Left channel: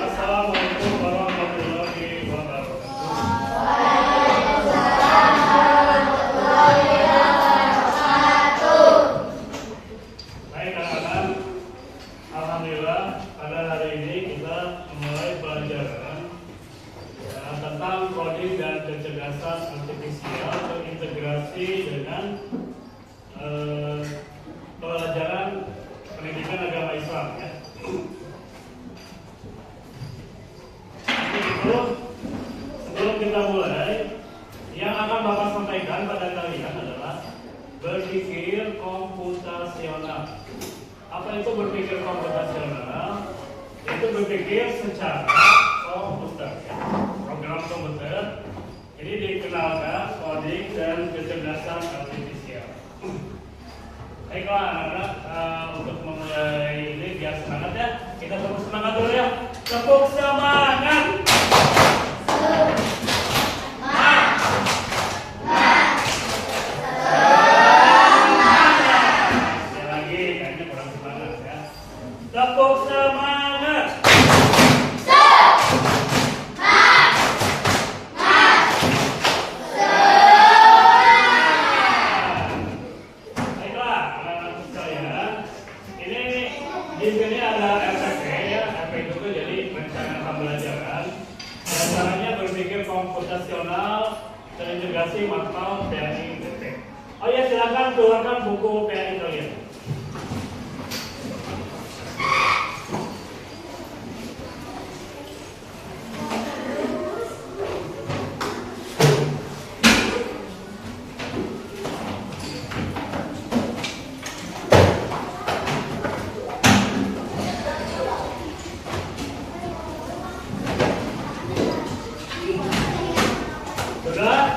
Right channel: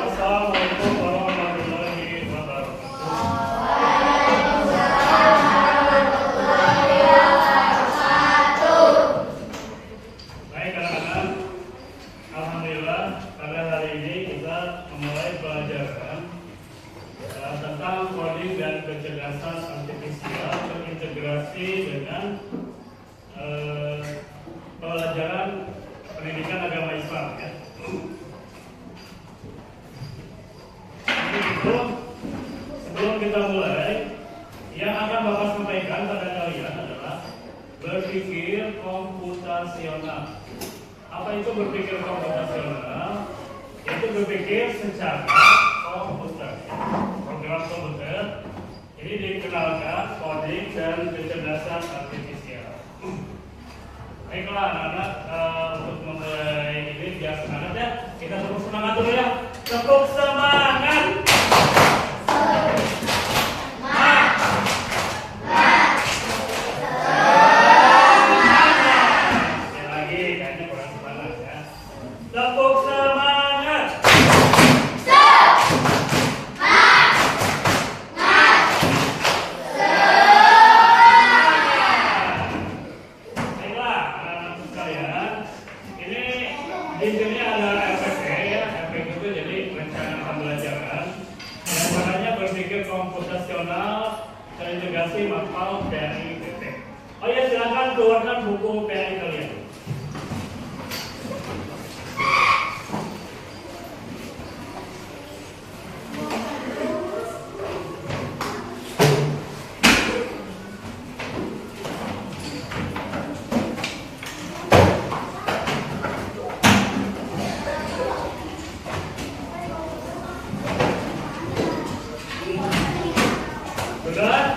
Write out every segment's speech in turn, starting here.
Assalamualaikum warahmatullahi wabarakatuh. Baik anak-anak, alhamdulillah pada hari ini kita memulai pelajaran tentang coding dan kecerdasan artifisial terintegrasi dengan pelajaran pendidikan agama Islam ya. Begitu, sebelum kita mulai, yang akan Bapak sampaikan pada kalian adalah berpikir komputasional. Apa itu berpikir komputasional? Itu berpikir secara komputer, program komputer. Jadi dikenalkan coding dan kecerdasan artifisial. Baiklah anak-anak, untuk memulai ini biar semangat ya. Kita tepuk semangat dulu ya. Tepuk semangat. Sekali lagi, kayaknya kurang semangat ya. Tepuk semangat. Baiklah, anak-anak sekalian, ini di sini ada RPP ya, RPP itu jadi rencana pembelajaran. Caranya berpikir komputasional terintegrasi atau PAI-BP. Oh ya, silakan keluarkan buku PAI kalian. Sudah?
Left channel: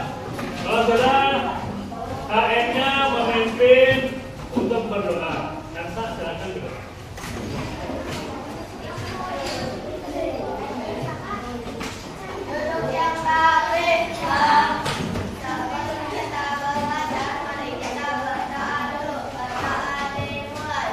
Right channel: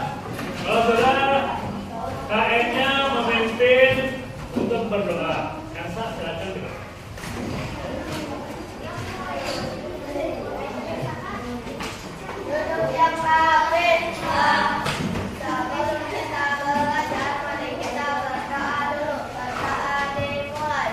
Kalau sudah, KN-nya memimpin untuk berdoa. Elsa, silakan berdoa. Duduk yang rapih, sebelum kita belajar, mari kita berdoa dulu. Berdoa dimulai.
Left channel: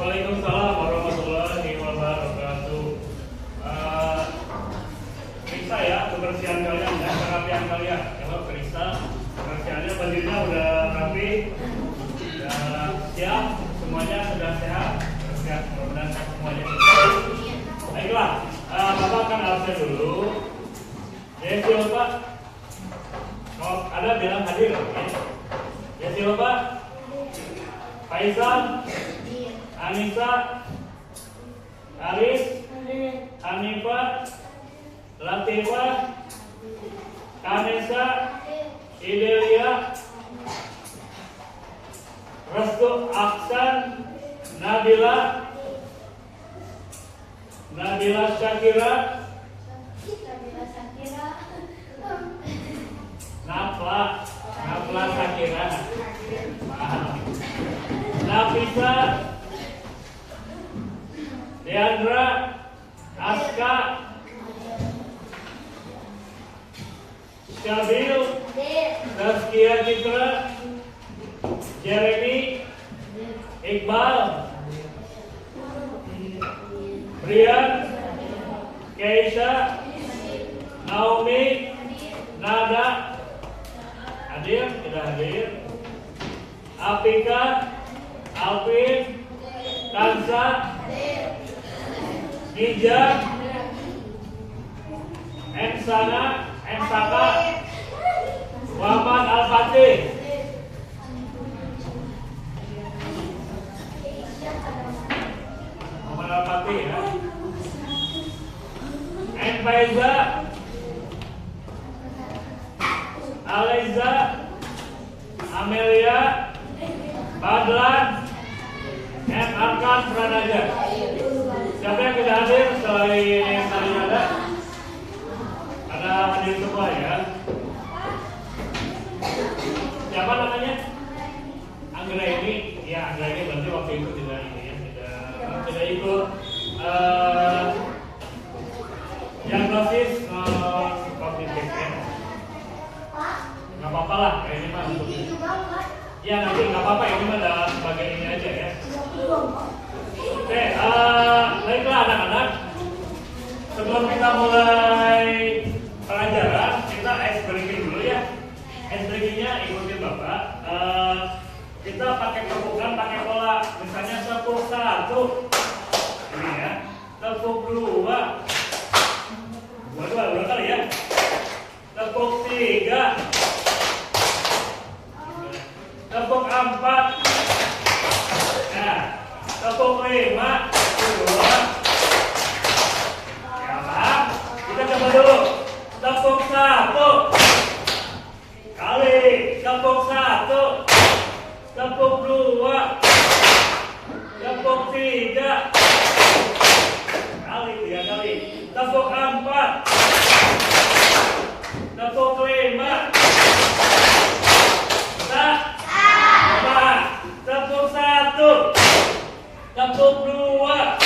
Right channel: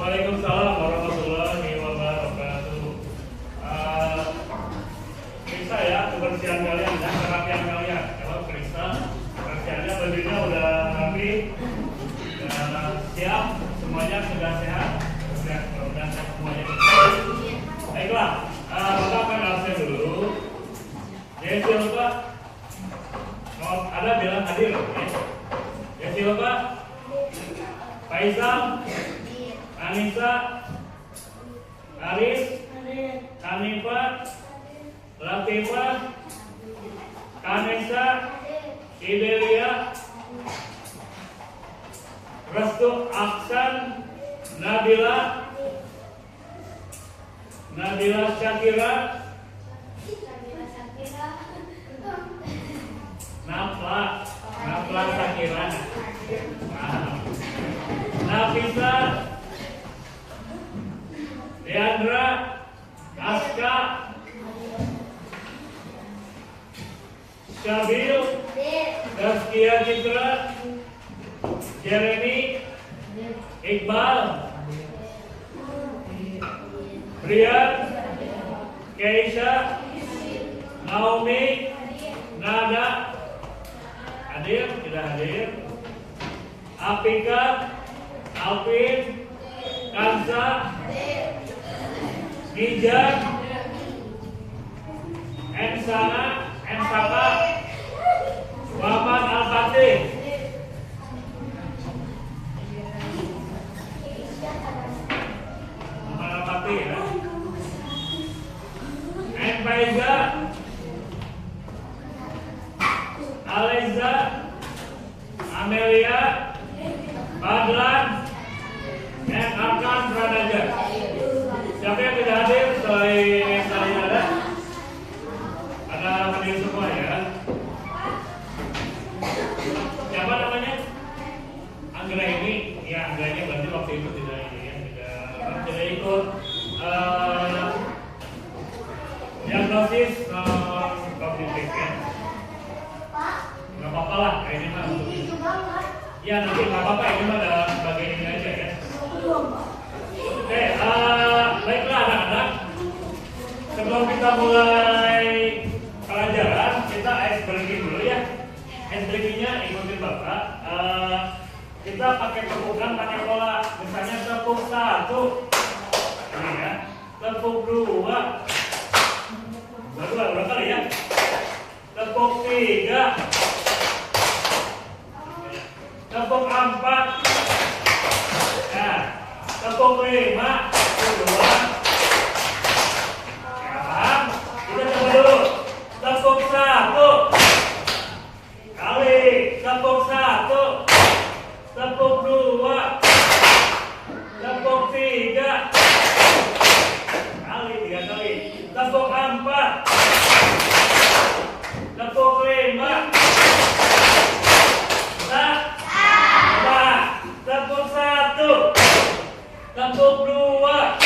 Waalaikumsalam warahmatullahi wabarakatuh. Periksa ya kebersihan kalian dan kerapian kalian. Kalau periksa kebersihannya, bajunya udah rapi, udah siap, semuanya sudah sehat, sudah mudah-mudahan semuanya. Baiklah, Bapak akan absen dulu. Jadi Bapak, mau ada bilang hadir, oke? Jadi Bapak, Faisal, Anissa, Aris, Hanifah, Latifah, Anissa, Idelia, Restu, Aksan, Nabila, Syakira, Nafla Syakira, Nafisa, Deandra, Aska, Syabil, Zaskia Citra, Jeremy, Brian, Keisha, Naomi, Nada, hadir, tidak hadir. Apika, Alvin, Kansa, Nija, Ensana, Muhammad Al-Fatih. Muhammad Al-Fatih ya. Faiza, Aleza, Amelia, Badlan, dan Arkan Pranaja. Siapa yang tidak hadir selain yang tadi ada? Karena hadir semua ya. Siapa namanya? Anggra ini, ya Anggra ini berarti waktu itu tidak ini ya, tidak ikut diagnosis kognitif ya. Nggak apa-apa lah, ini mah untuk ya nanti nggak apa-apa, ini mah ada sebagai ini aja ya. Oke, baiklah anak-anak, sebelum kita mulai pelajaran, kita ice breaking dulu ya. Ice breakingnya ikutin bapak. Kita pakai tepukan, pakai pola, misalnya tepuk 1, ini ya, tepuk 2, dua kali ya, tepuk 3, tepuk 4, nah, tepuk 5, kedua, ya paham? Kita coba dulu, tepuk 1 kali, tepuk 1, tepuk 2, tepuk 3 kali, 3 kali, tepuk 4, tepuk 5, tepuk 1, tepuk 2,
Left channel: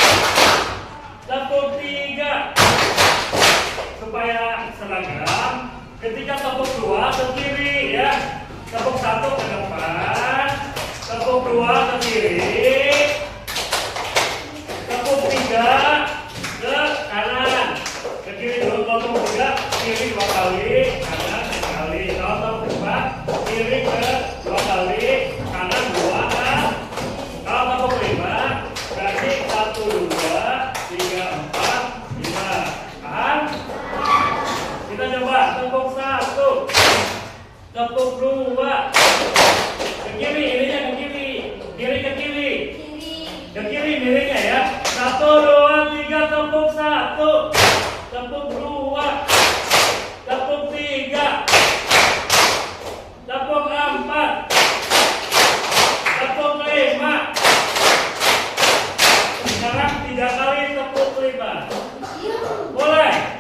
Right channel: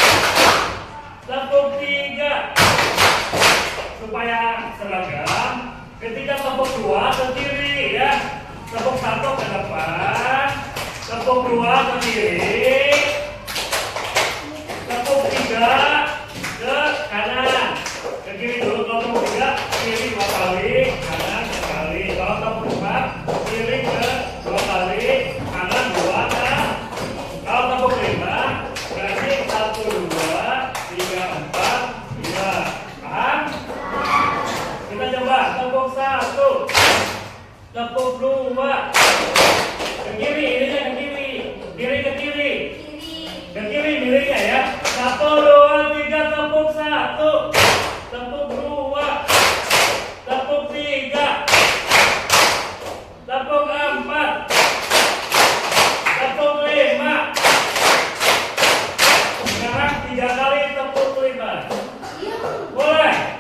tepuk 3, supaya seragam. Ketika tepuk 2 ke kiri ya, tepuk 1 ke depan, tepuk 2 ke kiri, tepuk 3 ke kanan. Ke kiri dulu, tepuk 3, kiri 2 kali, kanan 1 kali. Kalau tepuk 4, kiri ke 2 kali, kanan 2 kan. Kalau tepuk 5, berarti 1, 2, 3, 4, 5. Paham? Kita coba tepuk 1, tepuk 2, ke kiri, ininya ke kiri, kiri ke kiri, ke kiri miringnya ya. 1, 2, 3, tepuk 1, tepuk 2, tepuk 3, tepuk 4, tepuk 5. Sekarang 3 kali tepuk 5. Mulai.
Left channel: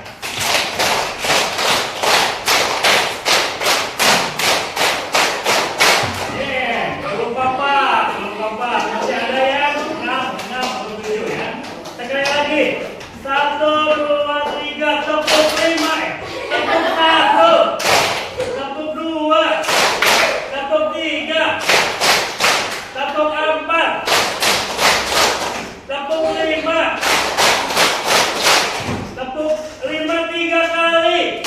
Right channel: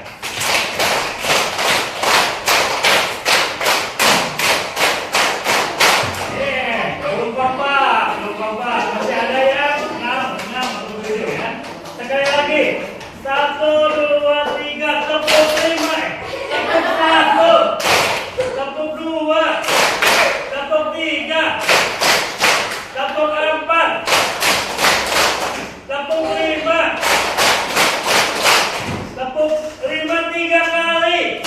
Belum apa. Masih ada yang 6 atau 7 ya. Sekali lagi. 1, 2, 3, tepuk 5. Tepuk 1, tepuk 2, tepuk 3, tepuk 4, tepuk 5, tepuk 5 3 kali.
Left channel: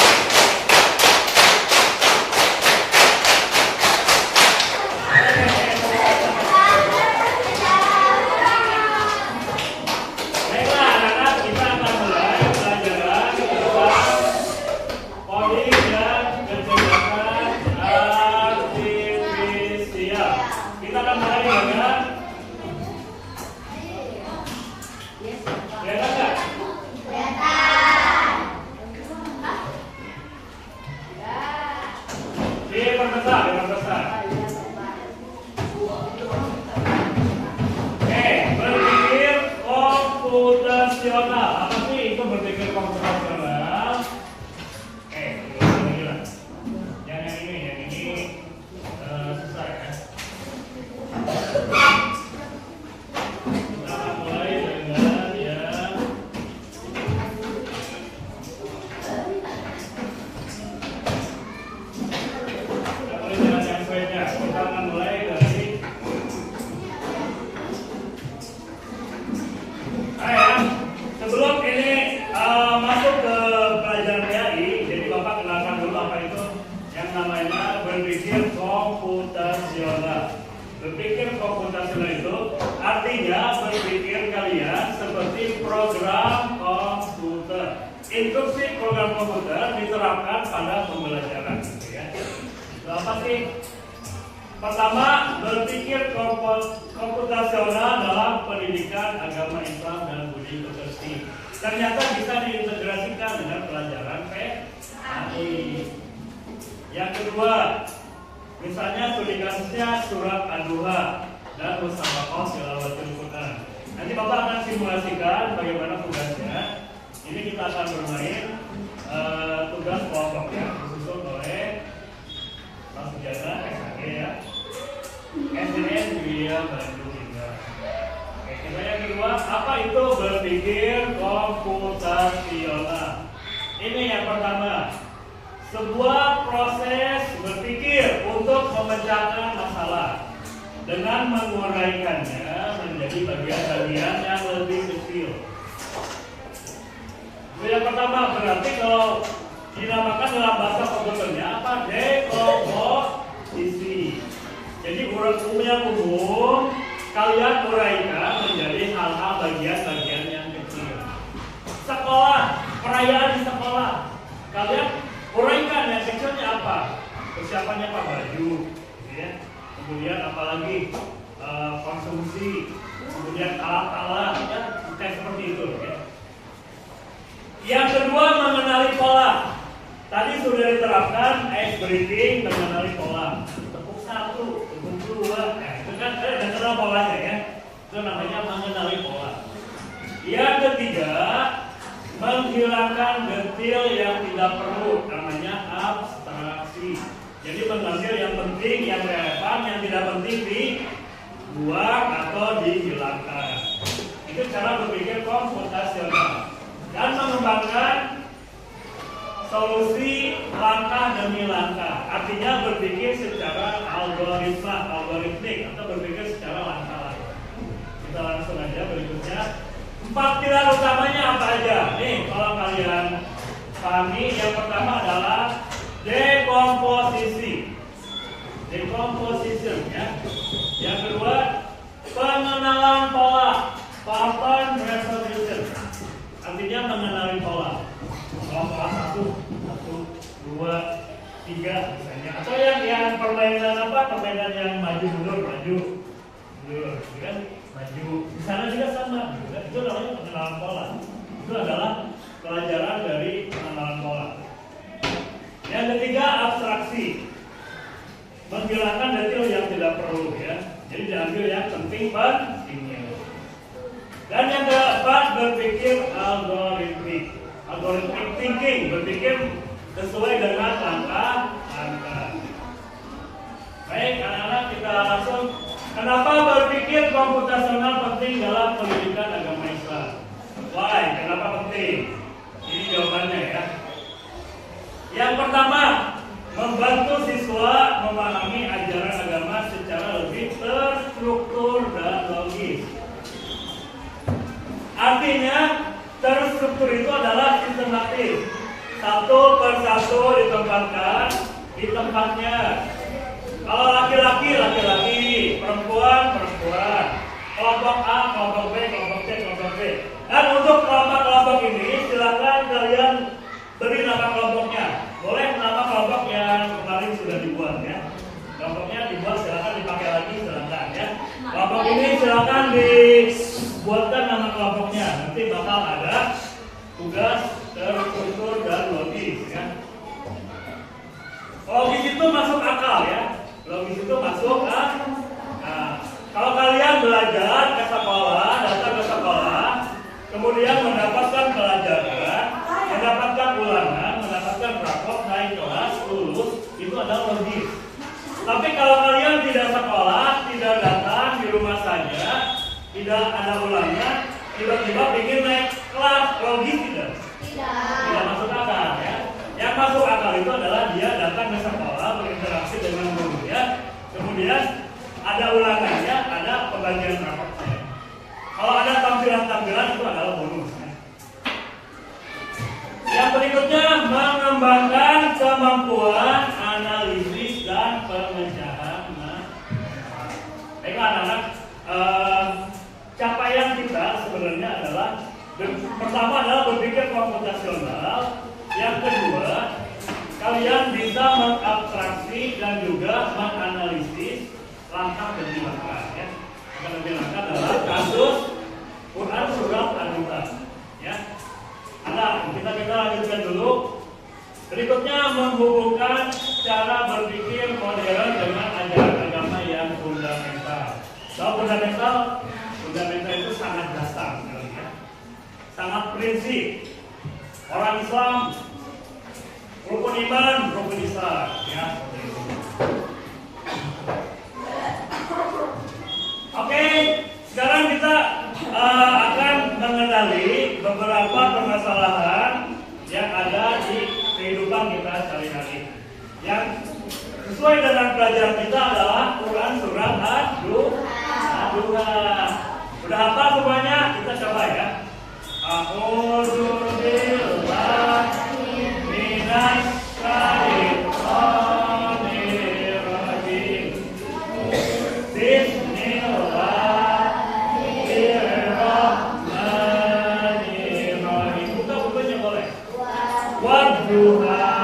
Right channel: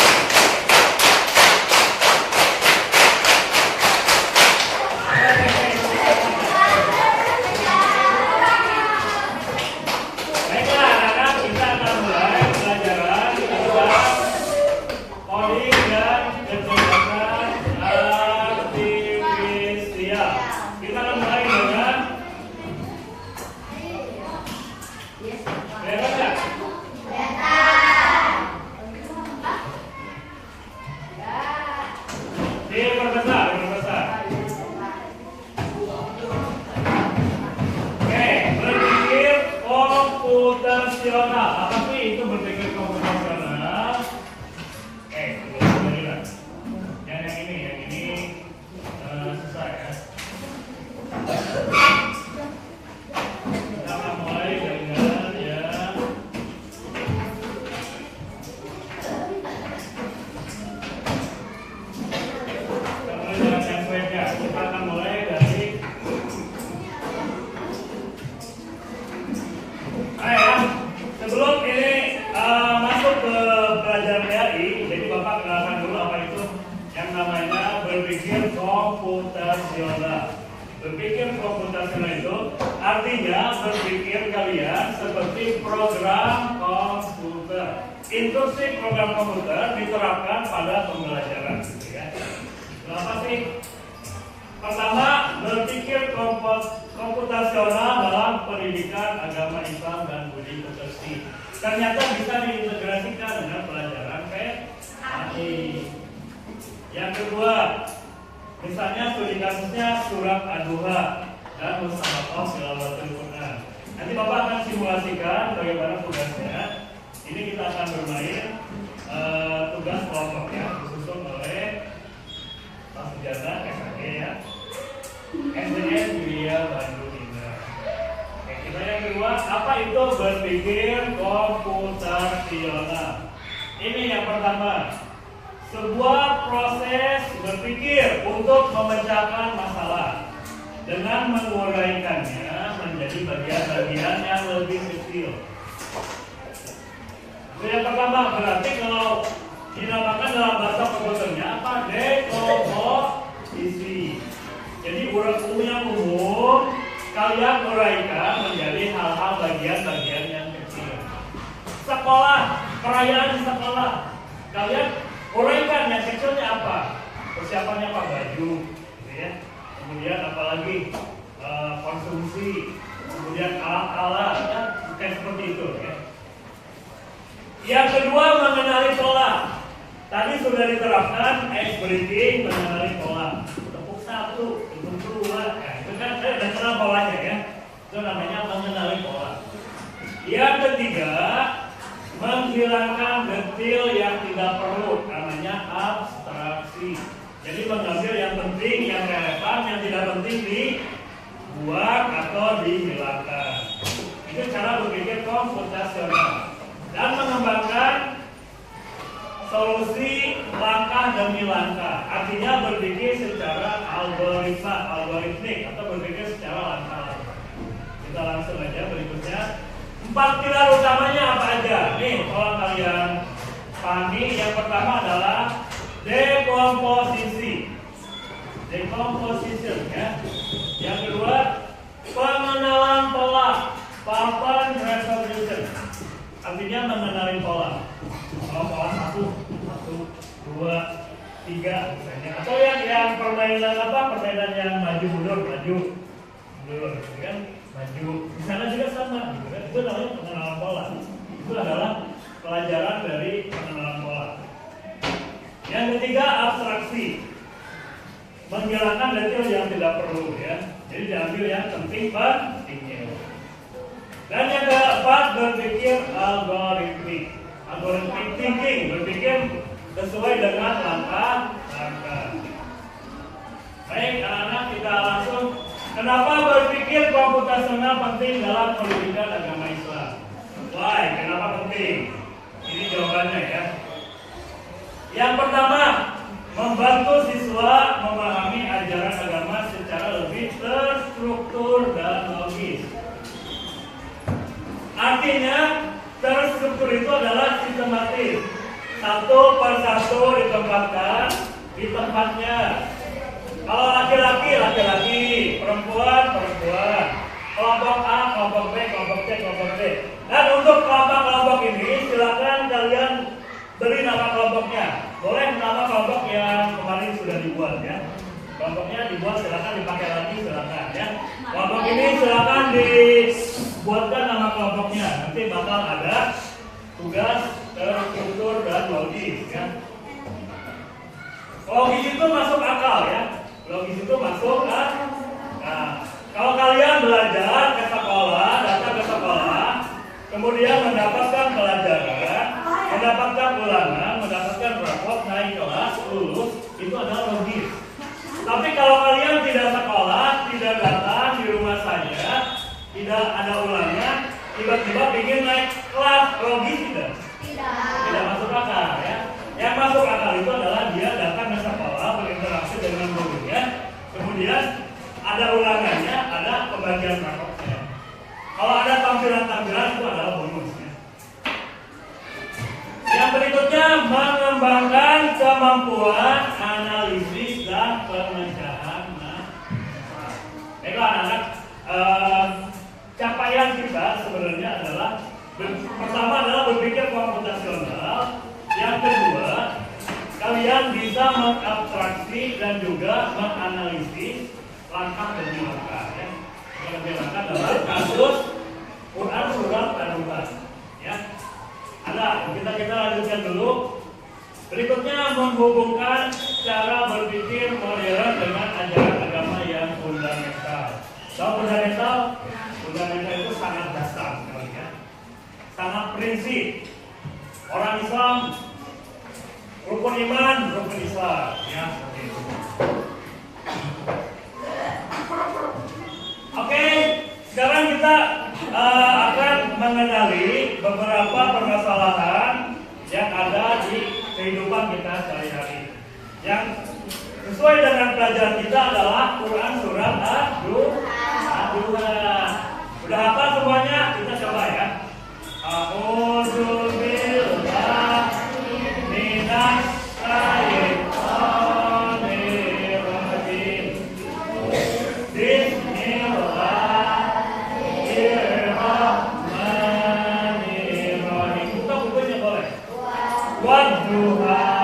Baiklah anak-anak, kita akan mulai pelajaran tentang poli dan kegiatan artifisial. Kita akan mulai dengan kelihatan nggak? Diperbesar. Oke, berpikir komputasional. Apa sih itu berpikir komputasional? Yang ini susah ya. konvensional. Berpikir komputasional itu artinya berpikir kalian seperti program komputer. Instruksi program komputer diterapkan pada pembelajaran. Gitu ya. Apa sih? Pertama, berpikir komputasional dalam pendidikan agama Islam dan budi pekerti. Ternyata bisa diintegrasikan dengan pelajaran PAI. Yang kedua, misalnya studi kasusnya surat Ad-Duha dan Musabaqah Tilawatul Quran. Nanti Bapak akan simulasikan bagaimana tugasnya. Ini kita akan bermain tugas kelompok ya, disusun oleh Pak Sujana, SAG ya, SDN Widya Bandung Indah. Oke, kita yang kedua, apa itu berpikir komputasional? Ini yang pertama. Sebuah proses berpikir untuk memecahkan masalah dengan menguraikannya menjadi bagian-bagian yang lebih kecil. Yang pertama berarti kalau dinamakan dalam bahasa komputernya apa? Dekomposisi. Jadi yang umum kalian uraikan menjadi hal-hal bagian-bagian yang kecil. Sekolah, perayaan di sekolah, kalian uraikan yang kecilnya apa? Persiapannya apa? Baju, ya. Kemudian apalagi konsumsi, kemudian alat-alat, ya. Kayak seperti itu. Ya. Yang kedua mengenali pola. Tadi sudah diterapkan ice breaking mengenali pola. Tepuk satu, tepuk dua, ya. Itu kan ada kenal polanya ya. Itu namanya mengenali pola. Yang ketiga, menghilangkan detil yang tidak perlu, namanya abstraksi. Jadi mengambil yang penting, yang relevan, yang tidak penting dibuang atau dihilangkan. Itu cara berpikir komputasional. Dan mengembangkan solusi langkah demi langkah. Artinya berpikir secara algoritmik atau berpikir secara langkah. Kita langsung aja berikutnya. 4 pilar utamanya apa aja? Nih, kalau kalian pahami, yang pertama adalah dekomposisi. Decomposition ya. Yang kedua, pengenalan pola. Pattern recognition. Artinya mengenali pola. Kalau pola 1, 2, 3 misalnya. Atau yang permainan apa? Permainan yang maju mundur, gitu kan? Maju. Di sana juga sama, gitu kan? Itu namanya pengenalan pola. Itu adalah pelajaran dari pengenalan pola. Yang ketiga, abstraksi. Menghilangkan detail yang tidak perlu ya. Jadi diambil yang pentingnya. Dan yang keempat, berpikir algoritmik thinking, berpikir sesuai dengan langkah-langkah. Baik, anak-anak, kita langsung. Kenapa berpikir komputasional penting dalam pendidikan agama Islam? Why? Kenapa penting? Ini jawabannya ya. Yang pertama, membantu siswa memahami ajaran agama secara lebih terstruktur dan logis. Artinya, terstruktur itu adalah sistematis. Satu persatu ditempatkan di tempatnya. Kalau laki-laki, perempuan, kelompok A, kelompok B, kelompok C, kelompok D. Dan untuk kelompok ini, silakan kalian beri nama kelompoknya. Boleh nama kelompok yang kemarin sudah dibuat ya. Kelompoknya dibuat, silakan dipakai lagi, silakan ya. Kelompok ini silakan dibuatkan nama kelompoknya. Nanti bakal ada tugas terstruktur dan logis ya. Logis itu masuk akal ya. Logis itu masuk akal. Nah, kalau kalian belajar ke sekolah, datang ke sekolah, kemudian mendapatkan pelajaran, mendapatkan ulangan, mendapatkan rapor, naik kelas, lulus, itu adalah logis. Tapi kalau kalian tidak sekolah, tidak datang di rumah saja, tidak ada ulangan, tiba-tiba ingin naik kelas, logis tidak? Tidak masuk akal ya. Yang masuk akal itu adalah dia datang ke sekolah, berinteraksi dengan gurunya, kemudian ada ulangannya, ada pembagian raportnya. Kalau ada tampilan-tampilan itu adalah bonus. Ya. Yang berikutnya, mengembangkan kemampuan analisis dan pemecahan baiklah anak-anak, capaian kita sebenarnya adalah pertama adalah berpikir komputasional, yang kedua kalian bisa mengabstraksi dan juga menganalisis langkah demi langkah ya. Langkah demi langkah adalah kasus Quran surat An-Nuh ya. Kita lanjutkan dulu. Berikutnya menghubungkan cara berpikir modern dengan ajaran agama yang fundamental. Fundamental itu sangat dasar sekali ya. Sangat prinsip. Orang Islam, rukun iman, rukun Islam ya, seperti itu. Oke, sekarang kita akan mengenali beberapa permasalahan yang ada di kehidupan kita sehari-hari. Yang sesuai dengan pelajaran kita adalah Quran surat An-Nuh. Sudah hafal semuanya? Kita coba ya. A'udzu billahi minas syaitonir rajim. Bismillahirrahmanirrahim. Buka bukunya boleh. Wadduha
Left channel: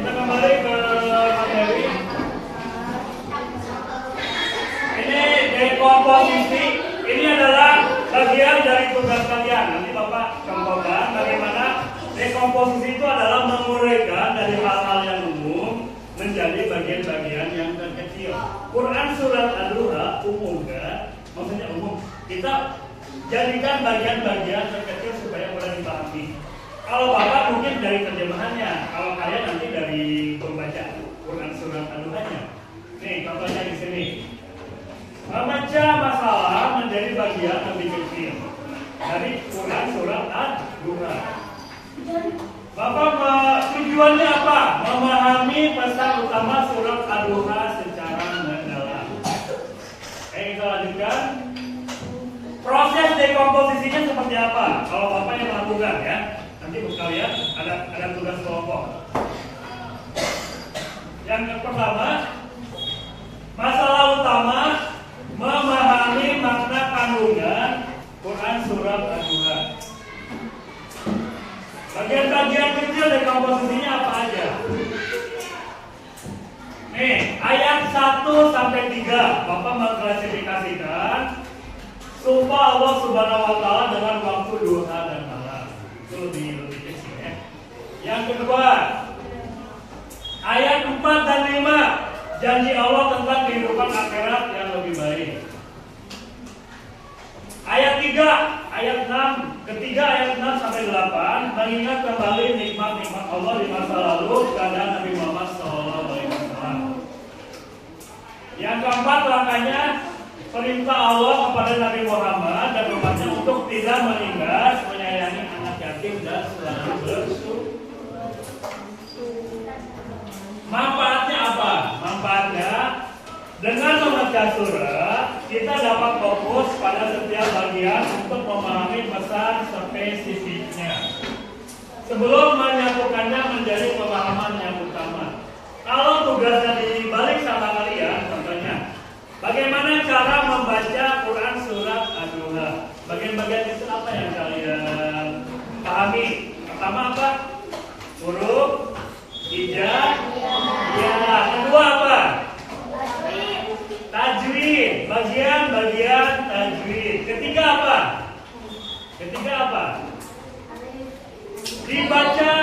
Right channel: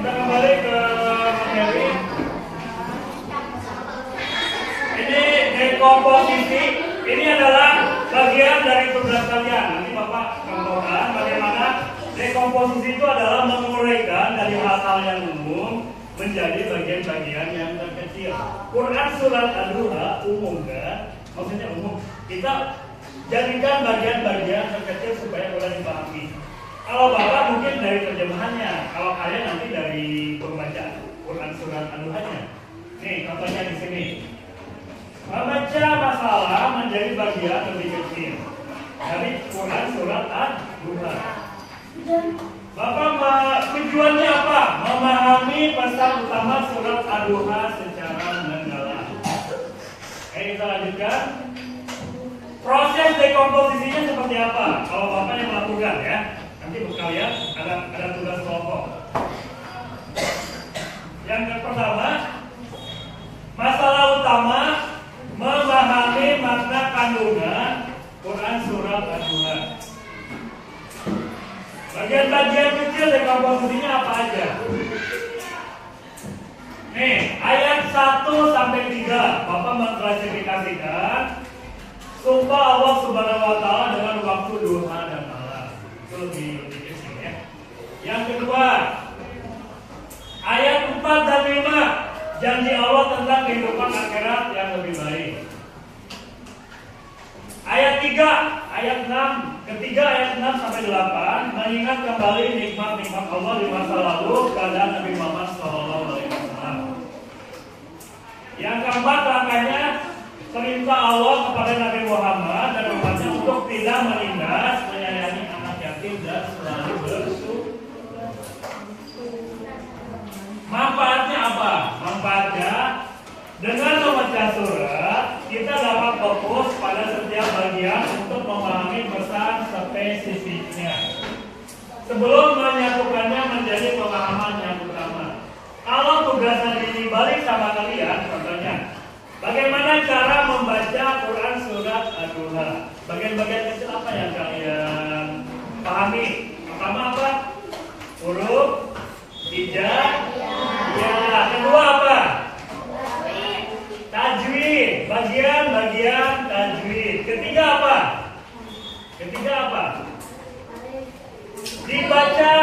kita kembali ke materi. Ini dekomposisi. Ini adalah bagian dari tugas kalian. Nanti Bapak contohkan bagaimana dekomposisi itu adalah menguraikan dari hal-hal yang umum menjadi bagian-bagian yang terkecil. Quran surat An-Nuh umum kan? Maksudnya umum. Kita jadikan bagian-bagian terkecil supaya mudah dipahami. Kalau Bapak mungkin dari terjemahannya, kalau kalian nanti dari pembaca Quran surat An-Nuh-nya. Nih, contohnya di sini. Membaca masalah menjadi bagian lebih kecil dari Quran surat An-Nuh. Bapak tujuannya apa? Memahami pesan utama surat An-Nuh secara mendalam. Kita lanjutkan. Proses dekomposisinya seperti apa? Kalau Bapak yang melakukan ya. Nanti buat kalian ada tugas kelompok. Yang pertama, masalah utama memahami makna kandungan Quran surat An-Nuh. Bagian-bagian kecil dekomposisinya apa aja? Nih, ayat 1 sampai 3 Bapak mengklasifikasikan sumpah Allah Subhanahu wa taala dengan waktu duha dan malam. Itu lebih kecil ya. Yang kedua, ayat 4 dan 5 janji Allah tentang kehidupan akhirat yang lebih baik. Ayat 3, ayat 6, ketiga ayat 6 sampai 8 mengingat kembali nikmat-nikmat Allah di masa lalu keadaan Nabi Muhammad SAW. Yang keempat langkahnya perintah Allah kepada Nabi Muhammad dan umatnya untuk tidak menindas, menyayangi anak yatim dan selalu bersyukur. Manfaatnya apa? Manfaatnya dengan membaca surat kita dapat fokus pada setiap bagian untuk memahami pesan spesifiknya. sebelum menyatukannya menjadi pemahaman yang utama. Kalau tugasnya dibalik sama kalian, contohnya, bagaimana cara membaca Quran surat Ad-Duha? Bagian-bagian istilah apa yang kalian pahami? Pertama apa? Huruf, hijab, ya. Kedua apa? Tajwid, bagian-bagian tajwid. Ketiga apa? Dibaca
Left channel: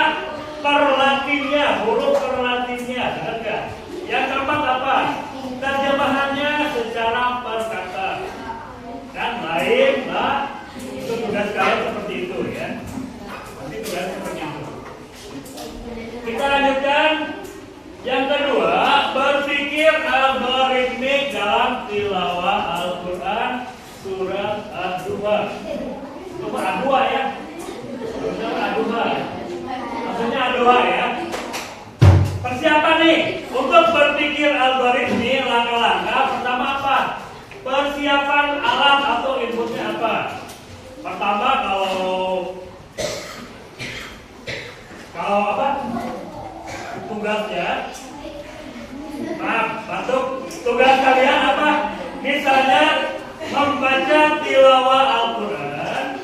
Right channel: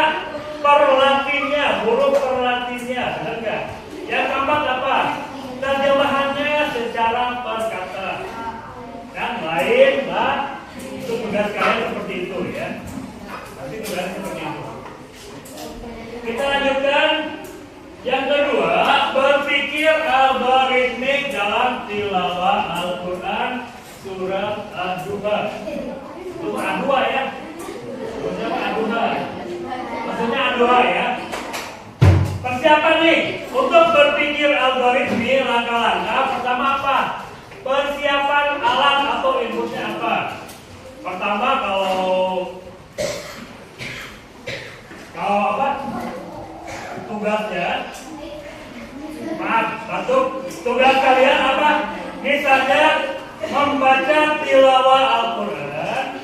perlatinya, huruf perlatinya, benar nggak? Yang keempat apa? Terjemahannya secara perkata. Kan lain, Mbak. Itu tugas kalian seperti itu ya. Nanti tugas seperti itu. Kita lanjutkan. Yang kedua, berpikir algoritmik dalam tilawah Al-Quran surat Ad-Duha. Surat Ad-Duha ya. Maksudnya Ad-Duha ya. Persiapan nih untuk berpikir algoritmik langkah-langkah. Pertama apa? Persiapan alat atau inputnya apa? Pertama kalau apa? Tugasnya, maaf, bantu. Tugas kalian apa? Misalnya membaca tilawah Al-Quran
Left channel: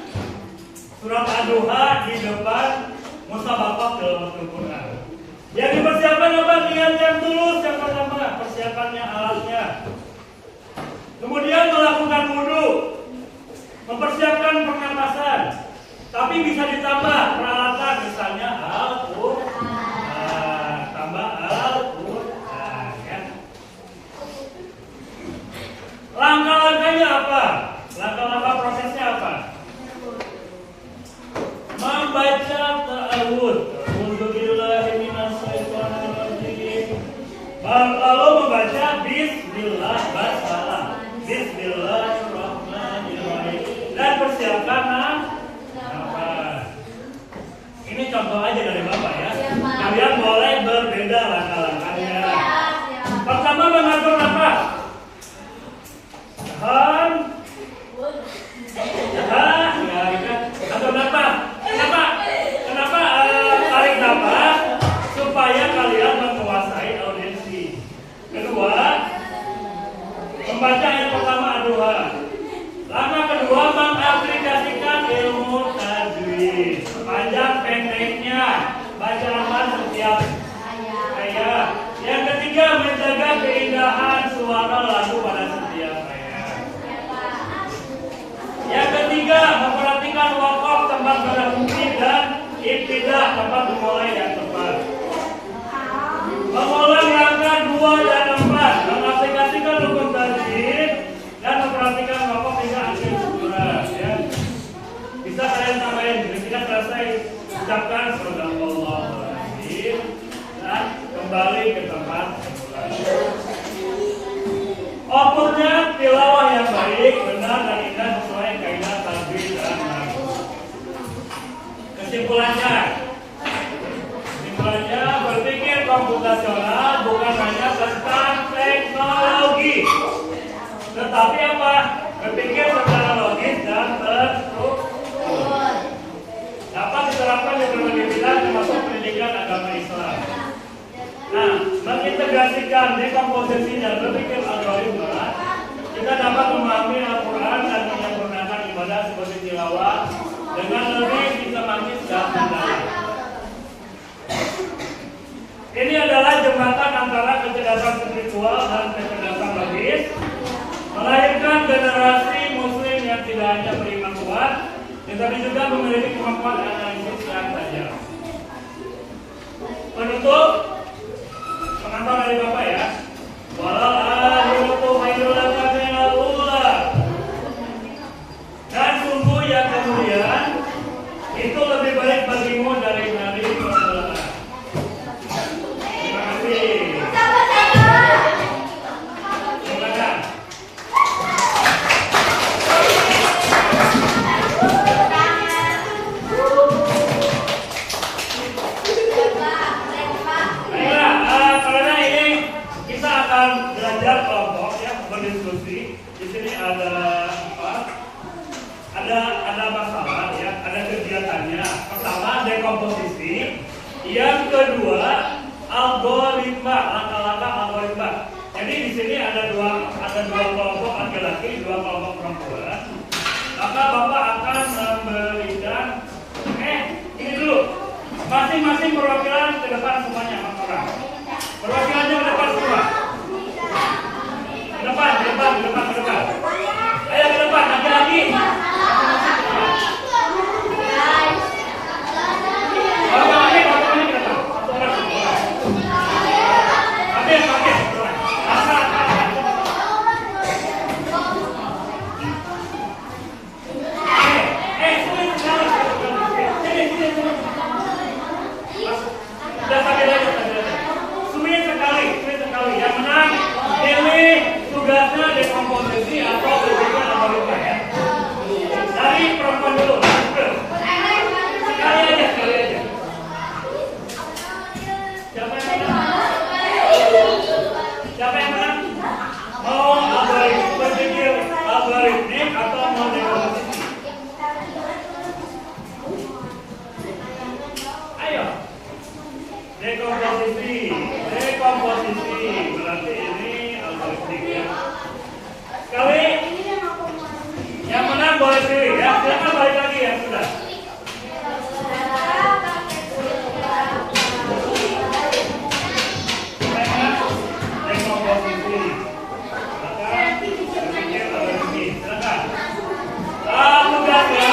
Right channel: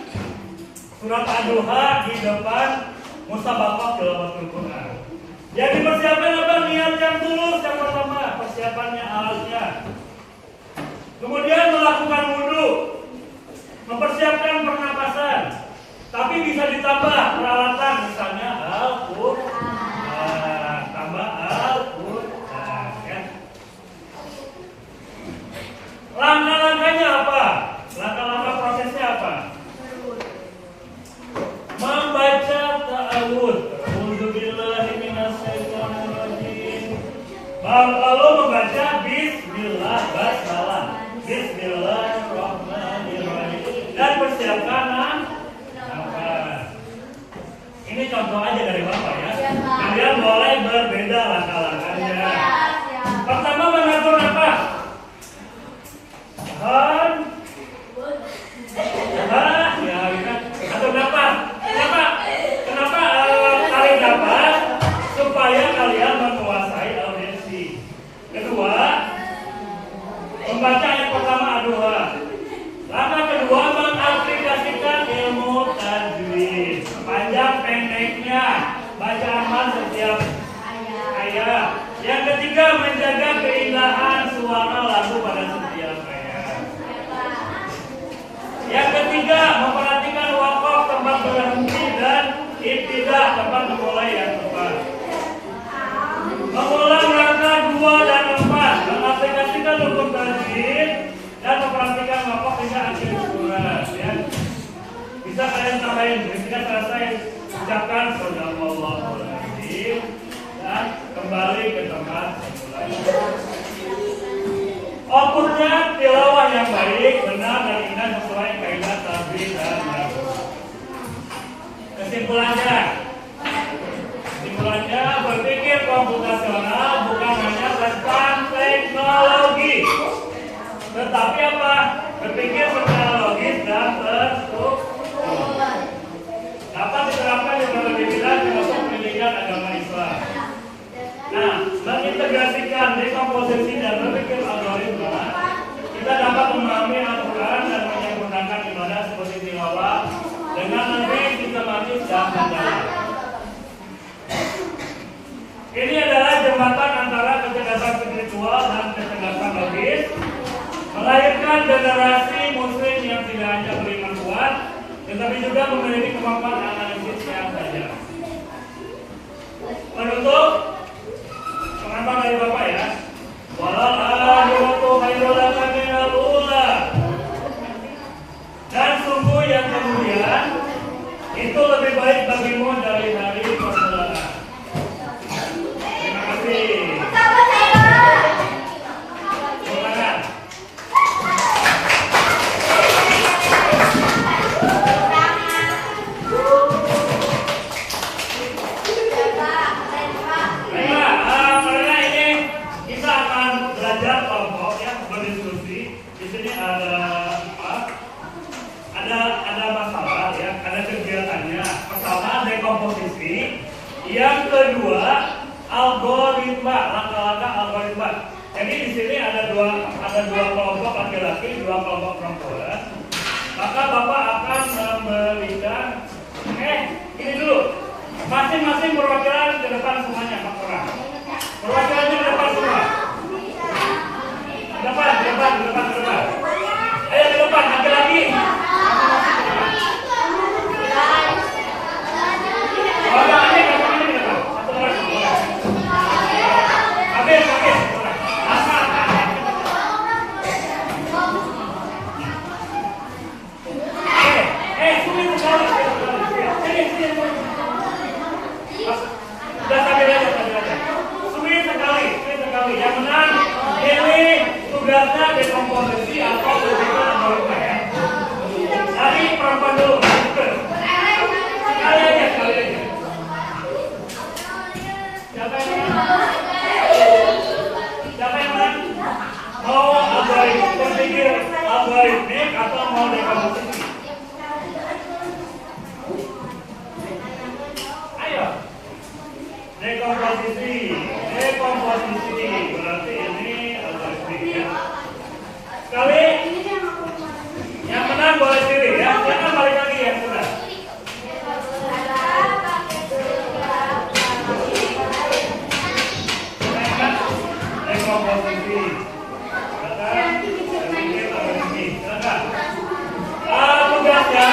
surat Ad-Duha di depan musabaqah tilawatul Quran. Yang dipersiapkan apa? Niat yang tulus yang pertama, persiapannya alatnya. Kemudian melakukan wudu, mempersiapkan pernapasan. Tapi bisa ditambah peralatan, misalnya Al-Quran, tambah Al-Quran. Ya. Langkah-langkahnya apa? Langkah-langkah prosesnya apa? Membaca ta'awud. Lalu membaca Bismillah, Basmalah, Bismillahirrahmanirrahim, dan persiapkan nafas. Ini contoh aja dari Bapak ya. Kalian boleh berbeda langkah-langkahnya. Pertama mengatur nafas. Tahan. Ya, atur nafas. Kenapa tarik nafas? Supaya kalian menguasai audiensi. Kedua, membaca yang pertama Ad-Duha. Langkah kedua, mengaplikasikan ilmu tajwid. Panjang pendeknya, bacaan setiap ayat. Yang ketiga, menjaga keindahan suara lagu pada setiap ayat. Yang ketiga, memperhatikan wakaf tempat berhenti dan ibtidah tempat memulai dan tepat. Memulai langkah 2 dan 4, mengaplikasikan rukun tajwid dan memperhatikan wakaf hingga akhir surat. Ya. Bisa kalian tambahin, ketika selesai ucapkan Sadaqallahul-Azim dan kembali ke tempat semula. Outputnya tilawah yang baik, benar dan indah sesuai kaidah tajwid dan nahwu. Kesimpulannya, berpikir komputasional bukan hanya tentang teknologi, tetapi apa? Berpikir secara logis dan terstruktur. Dapat diterapkan di berbagai bidang termasuk pendidikan agama Islam. Nah, mengintegrasikan dekomposisi dan berpikir algoritma, kita dapat memahami Al-Quran dan menyempurnakan ibadah seperti tilawah dengan lebih sistematis dan mendalam. Ini adalah jembatan antara kecerdasan spiritual dan kecerdasan logis, melahirkan generasi muslim yang tidak hanya beriman kuat, tetapi juga memiliki kemampuan analisis yang tajam. Penutup, pengantar dari Bapak ya. Walal akhiratu khairul laka minal ula. Dan sungguh yang kemudian itu lebih baik bagimu dari persoalan. Terima kasih. Silakan. Yang kedua, algoritma, langkah-langkah algoritma. Jadi di sini ada dua kelompok laki-laki, dua kelompok perempuan. Maka Bapak akan memberikan ini dulu. Masing-masing perwakilan ke depan semuanya, 4 orang. Perwakilannya ke depan semua. Ke depan. Ayo ke depan, nanti lagi. Yang menang ini tugasnya dekomposisi atau algoritma ya. Dari perempuan dulu. Sekali aja. Siapa yang menang? Mau berpikir algoritmik atau mau dekomposisi? Ayo. Dekomposisi berarti ini algoritmik ya. Sekali yang menang boleh pilih ya. Silakan balik lagi ya sudah. Dekomposisi. Silakan. Tugasnya.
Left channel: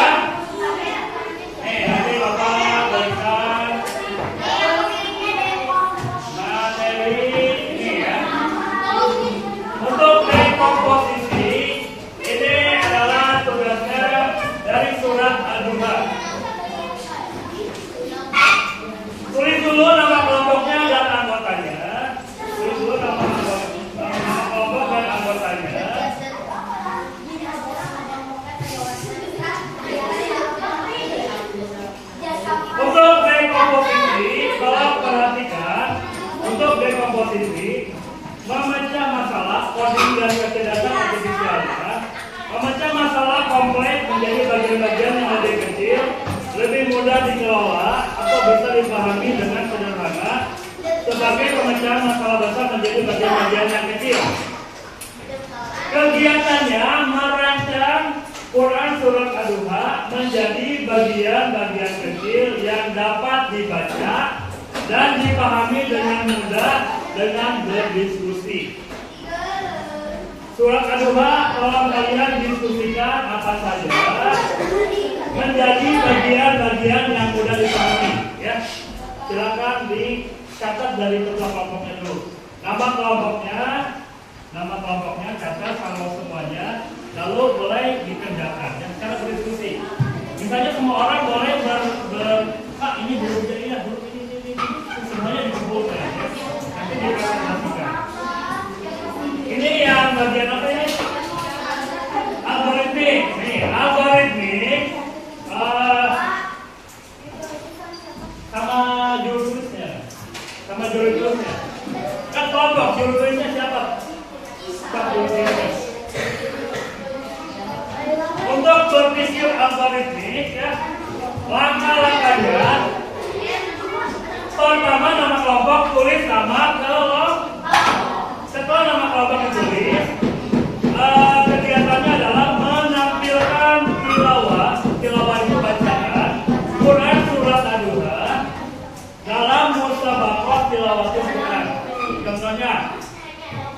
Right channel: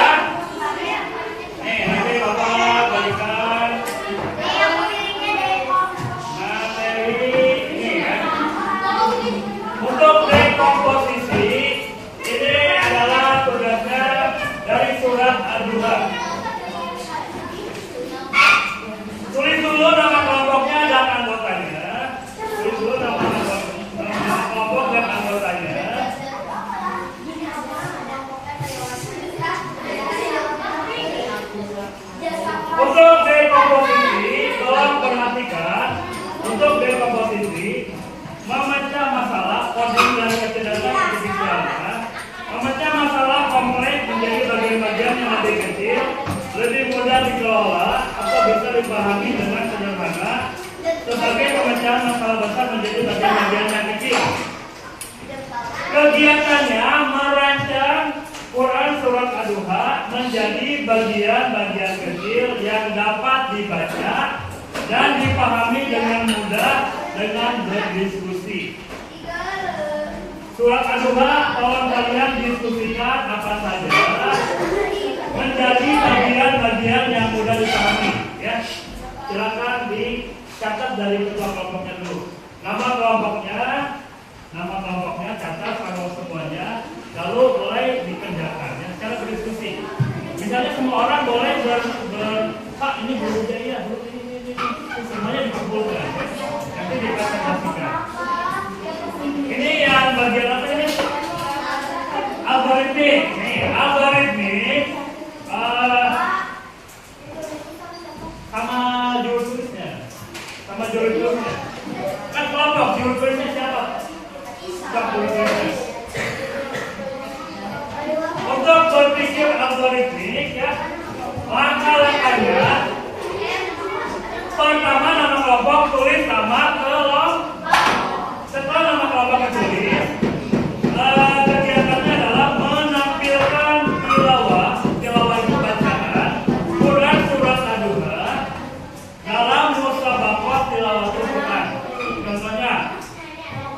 Nanti Bapak berikan untuk dekomposisi. Ini adalah tugasnya dari surat Al-Duha. Tulis dulu nama kelompoknya dan anggotanya. Tulis dulu nama kelompok dan anggotanya. Untuk dekomposisi, tolong perhatikan. Untuk dekomposisi, memecah masalah kondisi dan kecerdasan artifisialnya, memecah masalah kompleks menjadi bagian-bagian yang lebih kecil, lebih mudah dikelola atau bisa dipahami dengan sederhana, sebagai pemecahan masalah besar menjadi bagian-bagian yang kecil. Kegiatannya merancang Quran surat Ad-Duha menjadi bagian-bagian kecil yang dapat dibaca dan dipahami dengan mudah dengan berdiskusi. Surat Ad-Duha tolong kalian diskusikan apa saja menjadi bagian-bagian yang mudah dipahami ya. Silakan dicatat dari ketua kelompoknya dulu. Nama kelompoknya catat kalau semuanya, lalu boleh dikerjakan ya, secara berdiskusi. Misalnya semua orang boleh Pak ini hurufnya iya, huruf ini semuanya dikumpulkan ya. Nanti dipresentasikan. Ini yang bagian apa ya? Algoritmik. Nih, algoritmik sama juru tulisnya. Kan kelompok juru tulisnya siapa? Untuk berpikir algoritmik ya, langkah-langkahnya pertama nama kelompok tulis nama kelompok. Setelah nama kelompok ditulis, kegiatannya adalah menampilkan tilawah itu bacaan Quran surat Ad-Duha dalam musabaqah tilawatul Quran. Contohnya,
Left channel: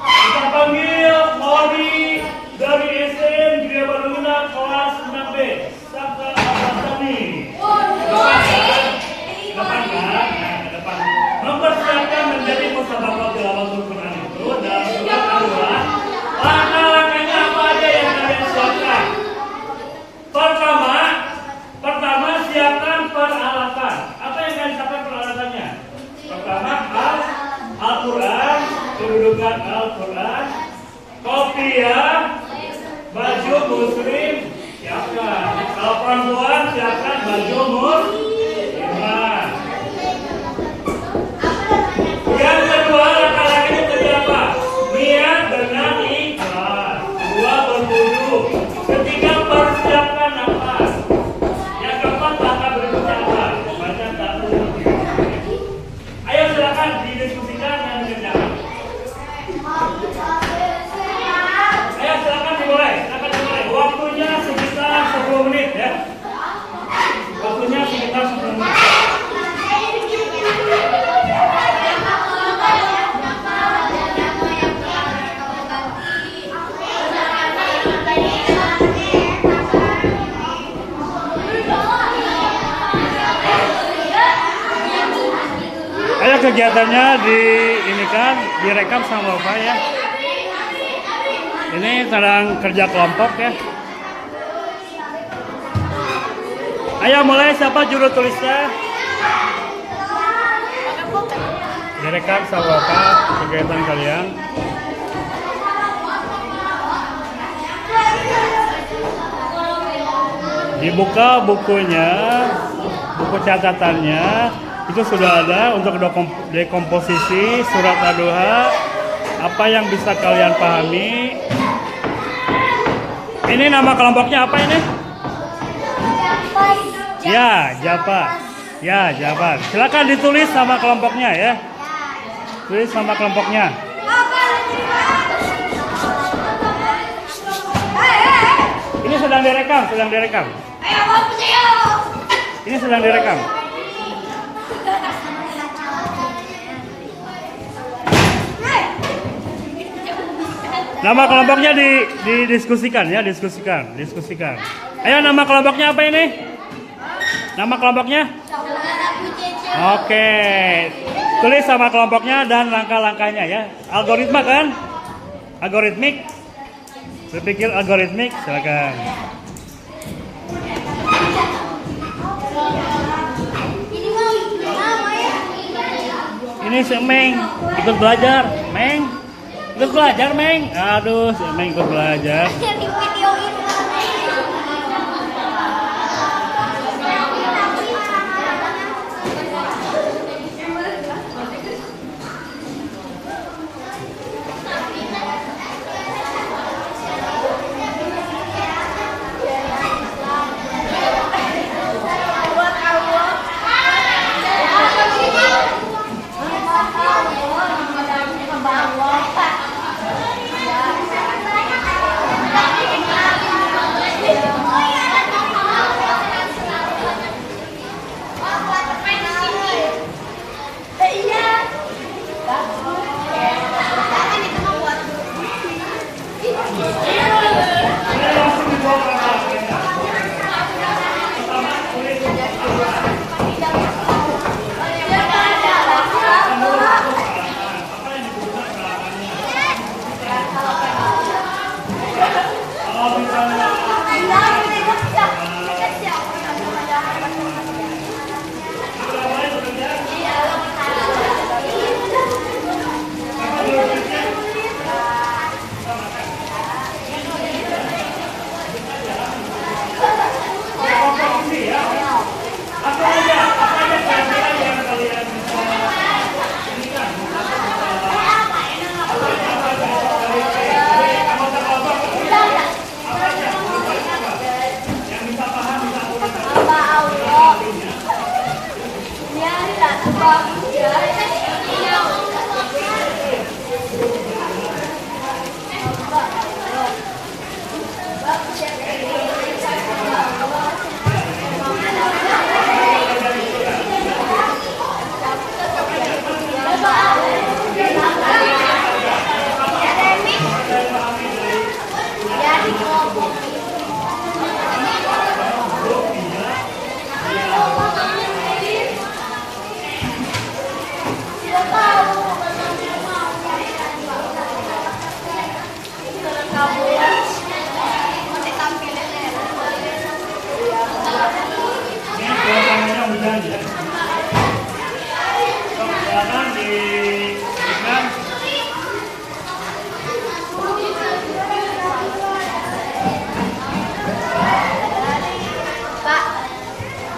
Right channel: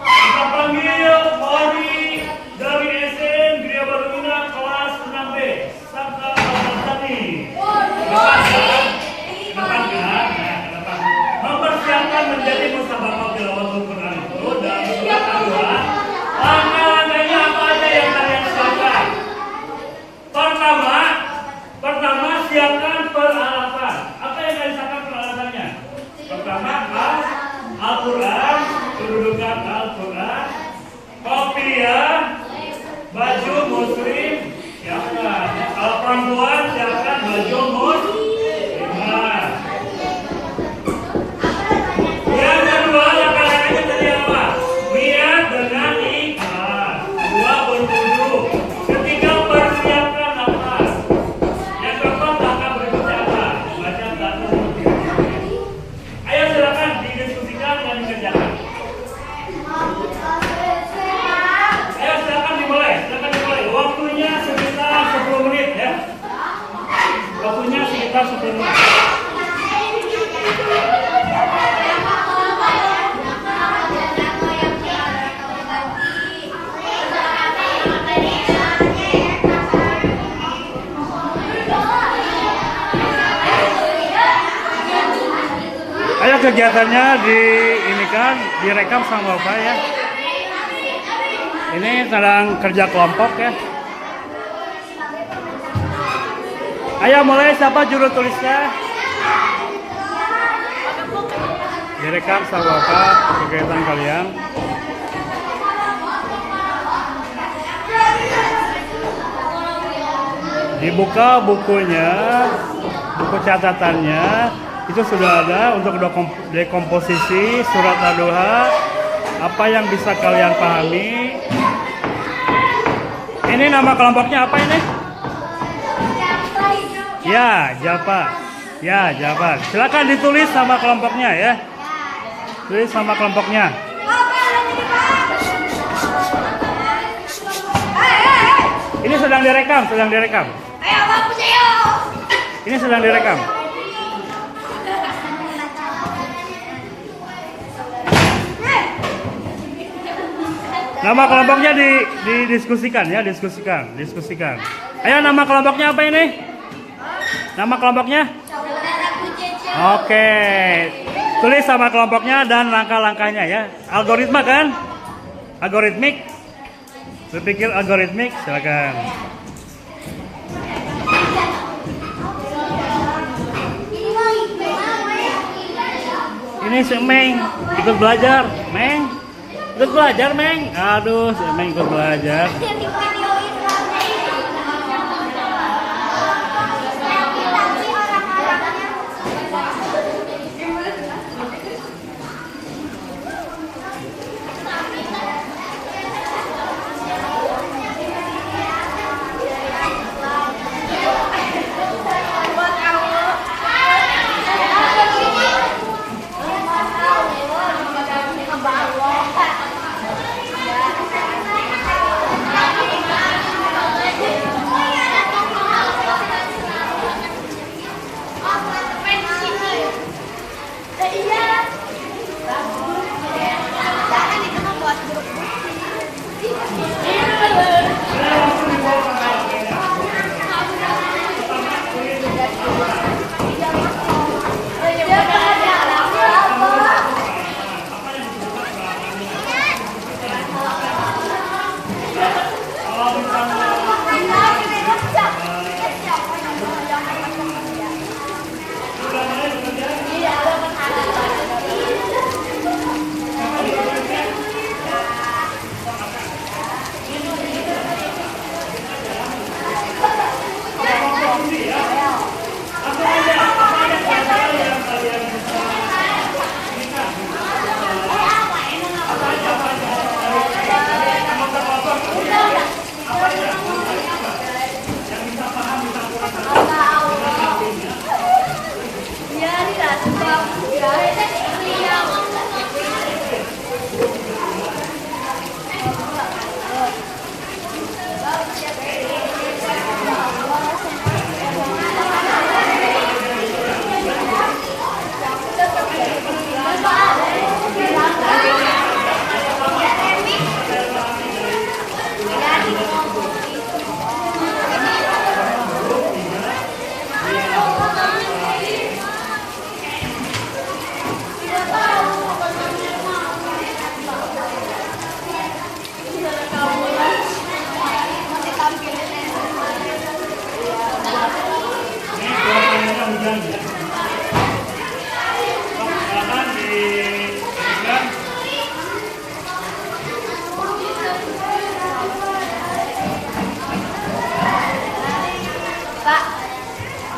kita panggil Mori dari SN Gria Baruna kelas 6B Sabta Al-Hasani. Depan. Mempersiapkan menjadi musabaqah tilawatul Quran itu dalam surat Ad-Duha. Langkah-langkahnya apa aja yang kalian siapkan? Pertama siapkan peralatan. Apa yang kalian siapkan peralatannya? Pertama Al-Quran, kedudukan Al-Quran, kopiah, baju muslim, siapkan. Kalau perempuan siapkan baju muslimah. Yang kedua langkah-langkahnya tadi apa? Niat dengan ikhlas. 2 berwudu. Ketiga persiapkan nafas. Yang keempat langkah berikutnya apa? Baca satu. Ayo kegiatannya ini kan direkam sama Bapak ya. Ini sedang kerja kelompok ya. Ayo mulai, siapa juru tulisnya? Direkam sama Bapak kegiatan kalian. Dibuka bukunya, buku catatannya, itu sudah ada untuk dekomposisi surat Ad-Duha, apa yang bisa kalian pahami. Ini nama kelompoknya apa ini? Ya, Jabar. Ya, Jabar. Silakan ditulis sama kelompoknya ya. Tulis sama kelompoknya. Ini sedang direkam, sedang direkam. Ini sedang direkam. Nama kelompoknya didiskusikan ya, diskusikan. Ayo, nama kelompoknya apa ini? Nama kelompoknya? Oke. Tulis sama kelompoknya dan langkah-langkahnya ya. Algoritma kan? Algoritmik. Berpikir algoritmik, silakan. Ini si Meng ikut belajar, Meng. Ikut belajar, Meng. Aduh, si Meng ikut belajar.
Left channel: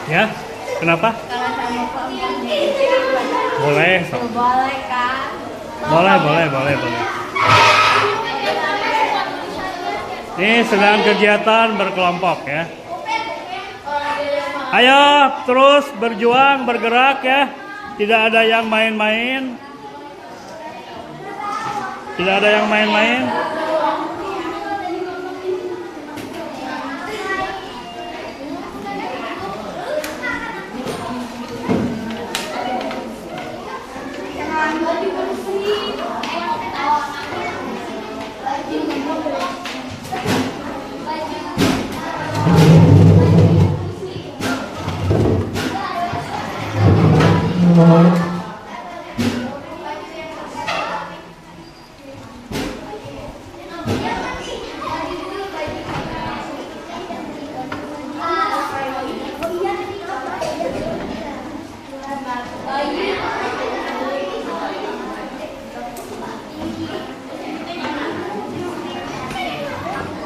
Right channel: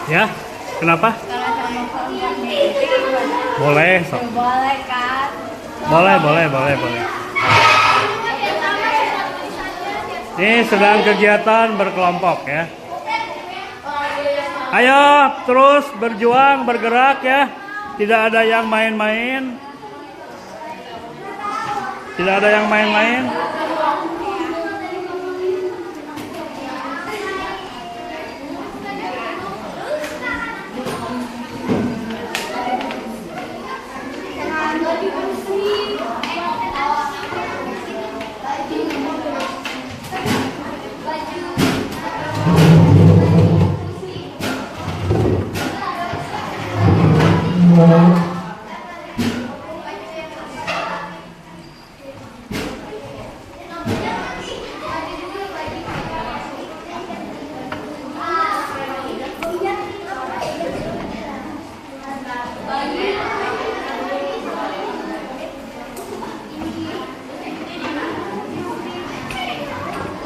Ya, kenapa? Kalau sama kelompoknya Boleh, so. boleh kan? Boleh. Ini sedang kegiatan berkelompok ya. Ayo terus berjuang, bergerak ya. Tidak ada yang main-main. Tidak ada yang main-main.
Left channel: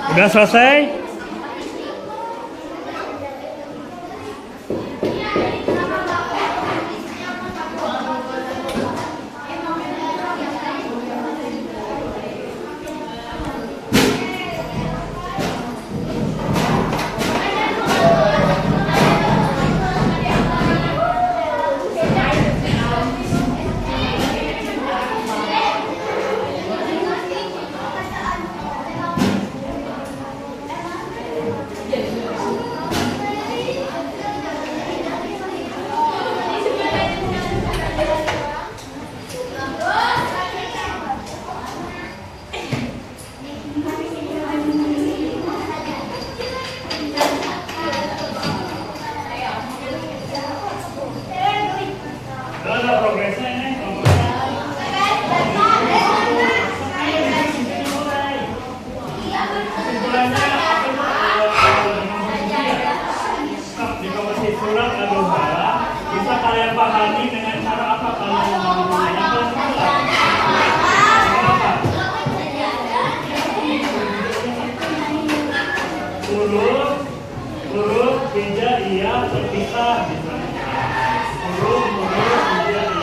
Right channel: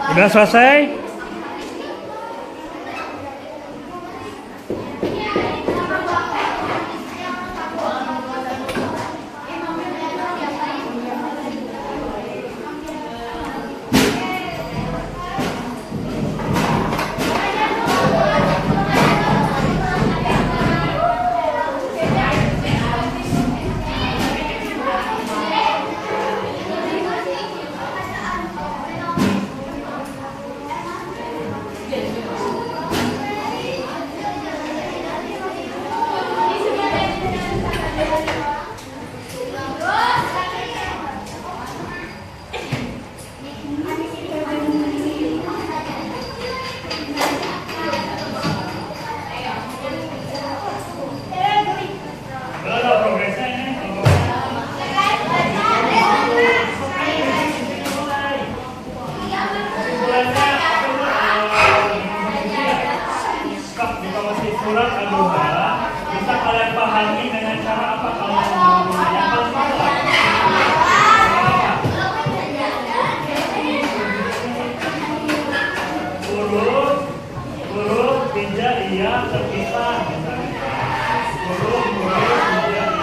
Udah selesai? Surat Al-Duha bisa kalian pahami dengan cara apa kalian memahami? Yang paling mudah. Apa? Huruf hijaiyah terpisah misalnya. Huruf hijaiyah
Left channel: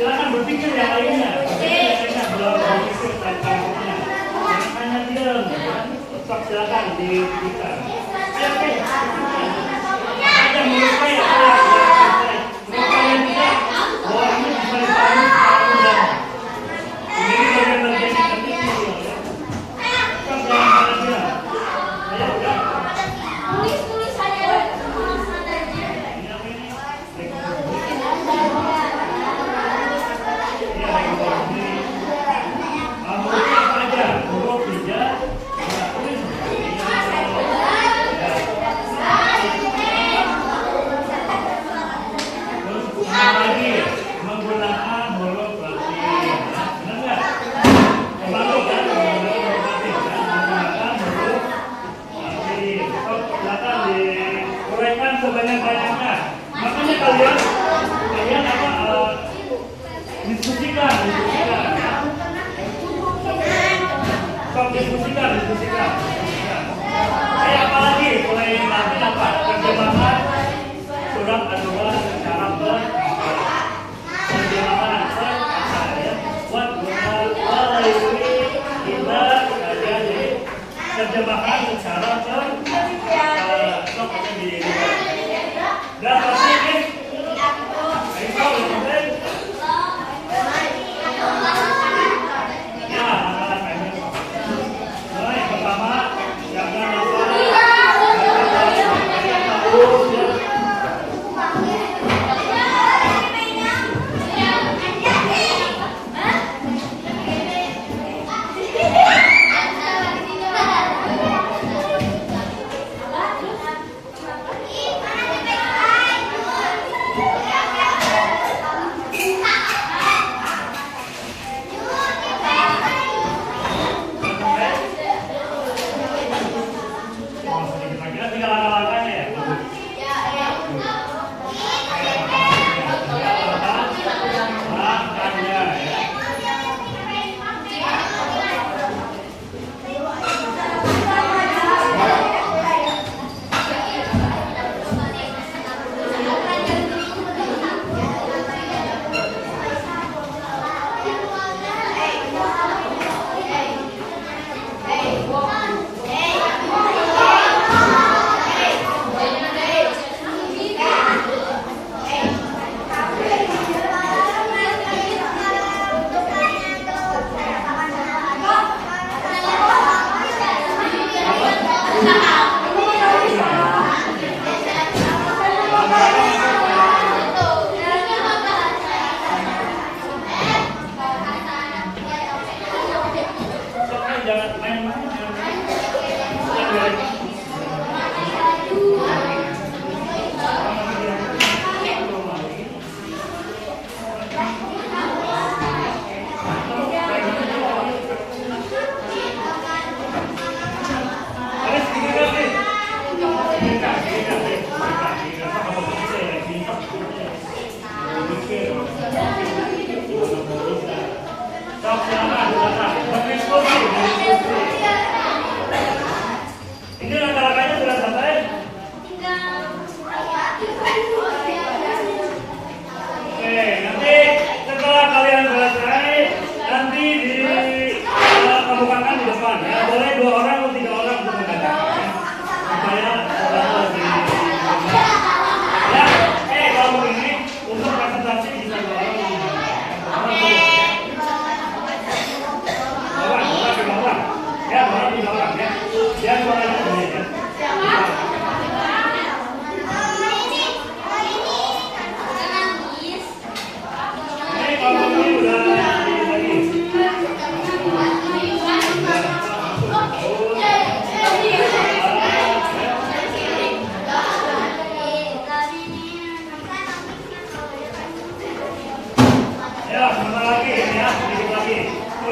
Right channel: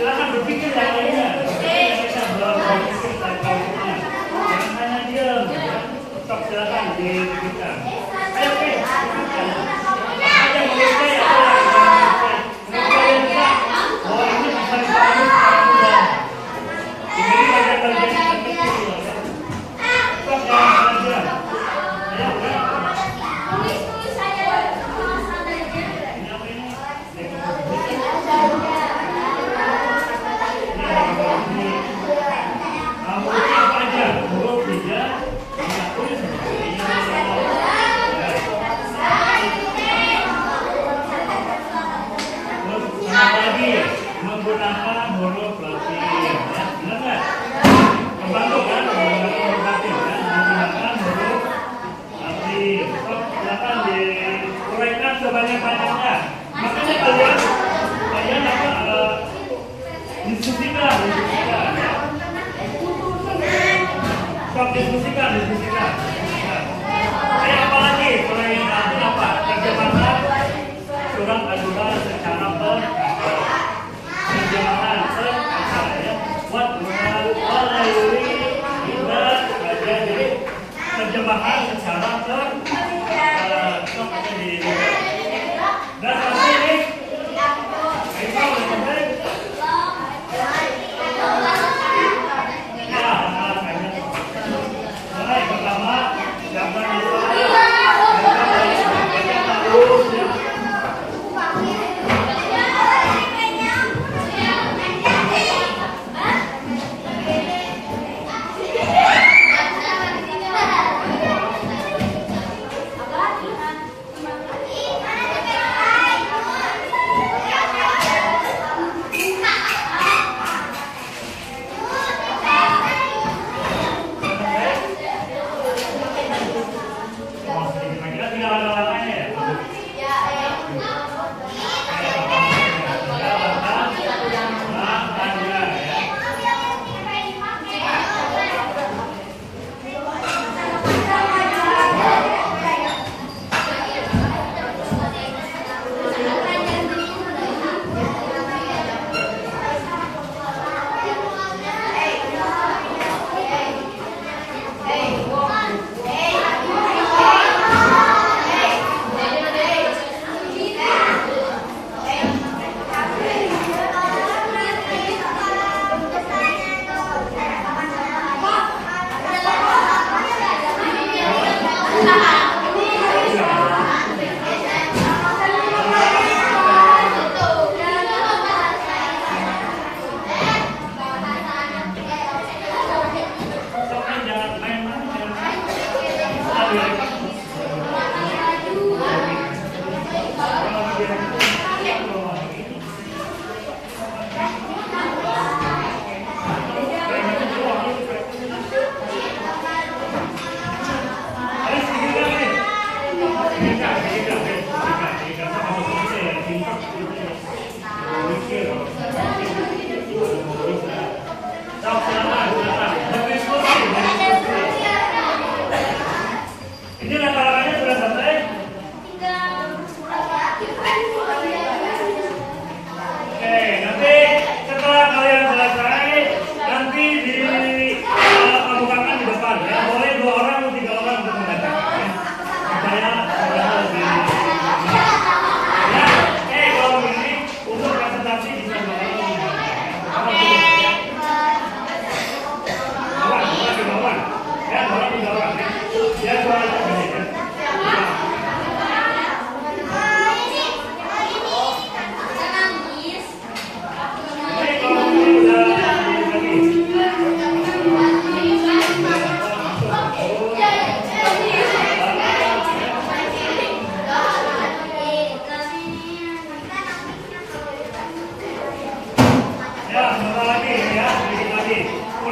silakan berpikir yang lainnya. Jangan hanya diam. Tetap silakan dipikirkan. Ayo, oke. Apa yang menurut saya? Menurut saya juga bahwa ini bisa dipahami secara mudah. Ini bagian-bagian yang penting. Tetap jangan diam. Ayo, udah. Menggunakan huruf Latin, benar nggak? Membantu kan? Menggunakan huruf Latin. Silakan diuraikan sebanyak-banyaknya. Makanya kalian diskusikan. Diskusikan. Ayo apa lagi? Mulai nanti apa? Terjemahan surat Al-Duha secara terjemahan ya. Jadi terjemahan secara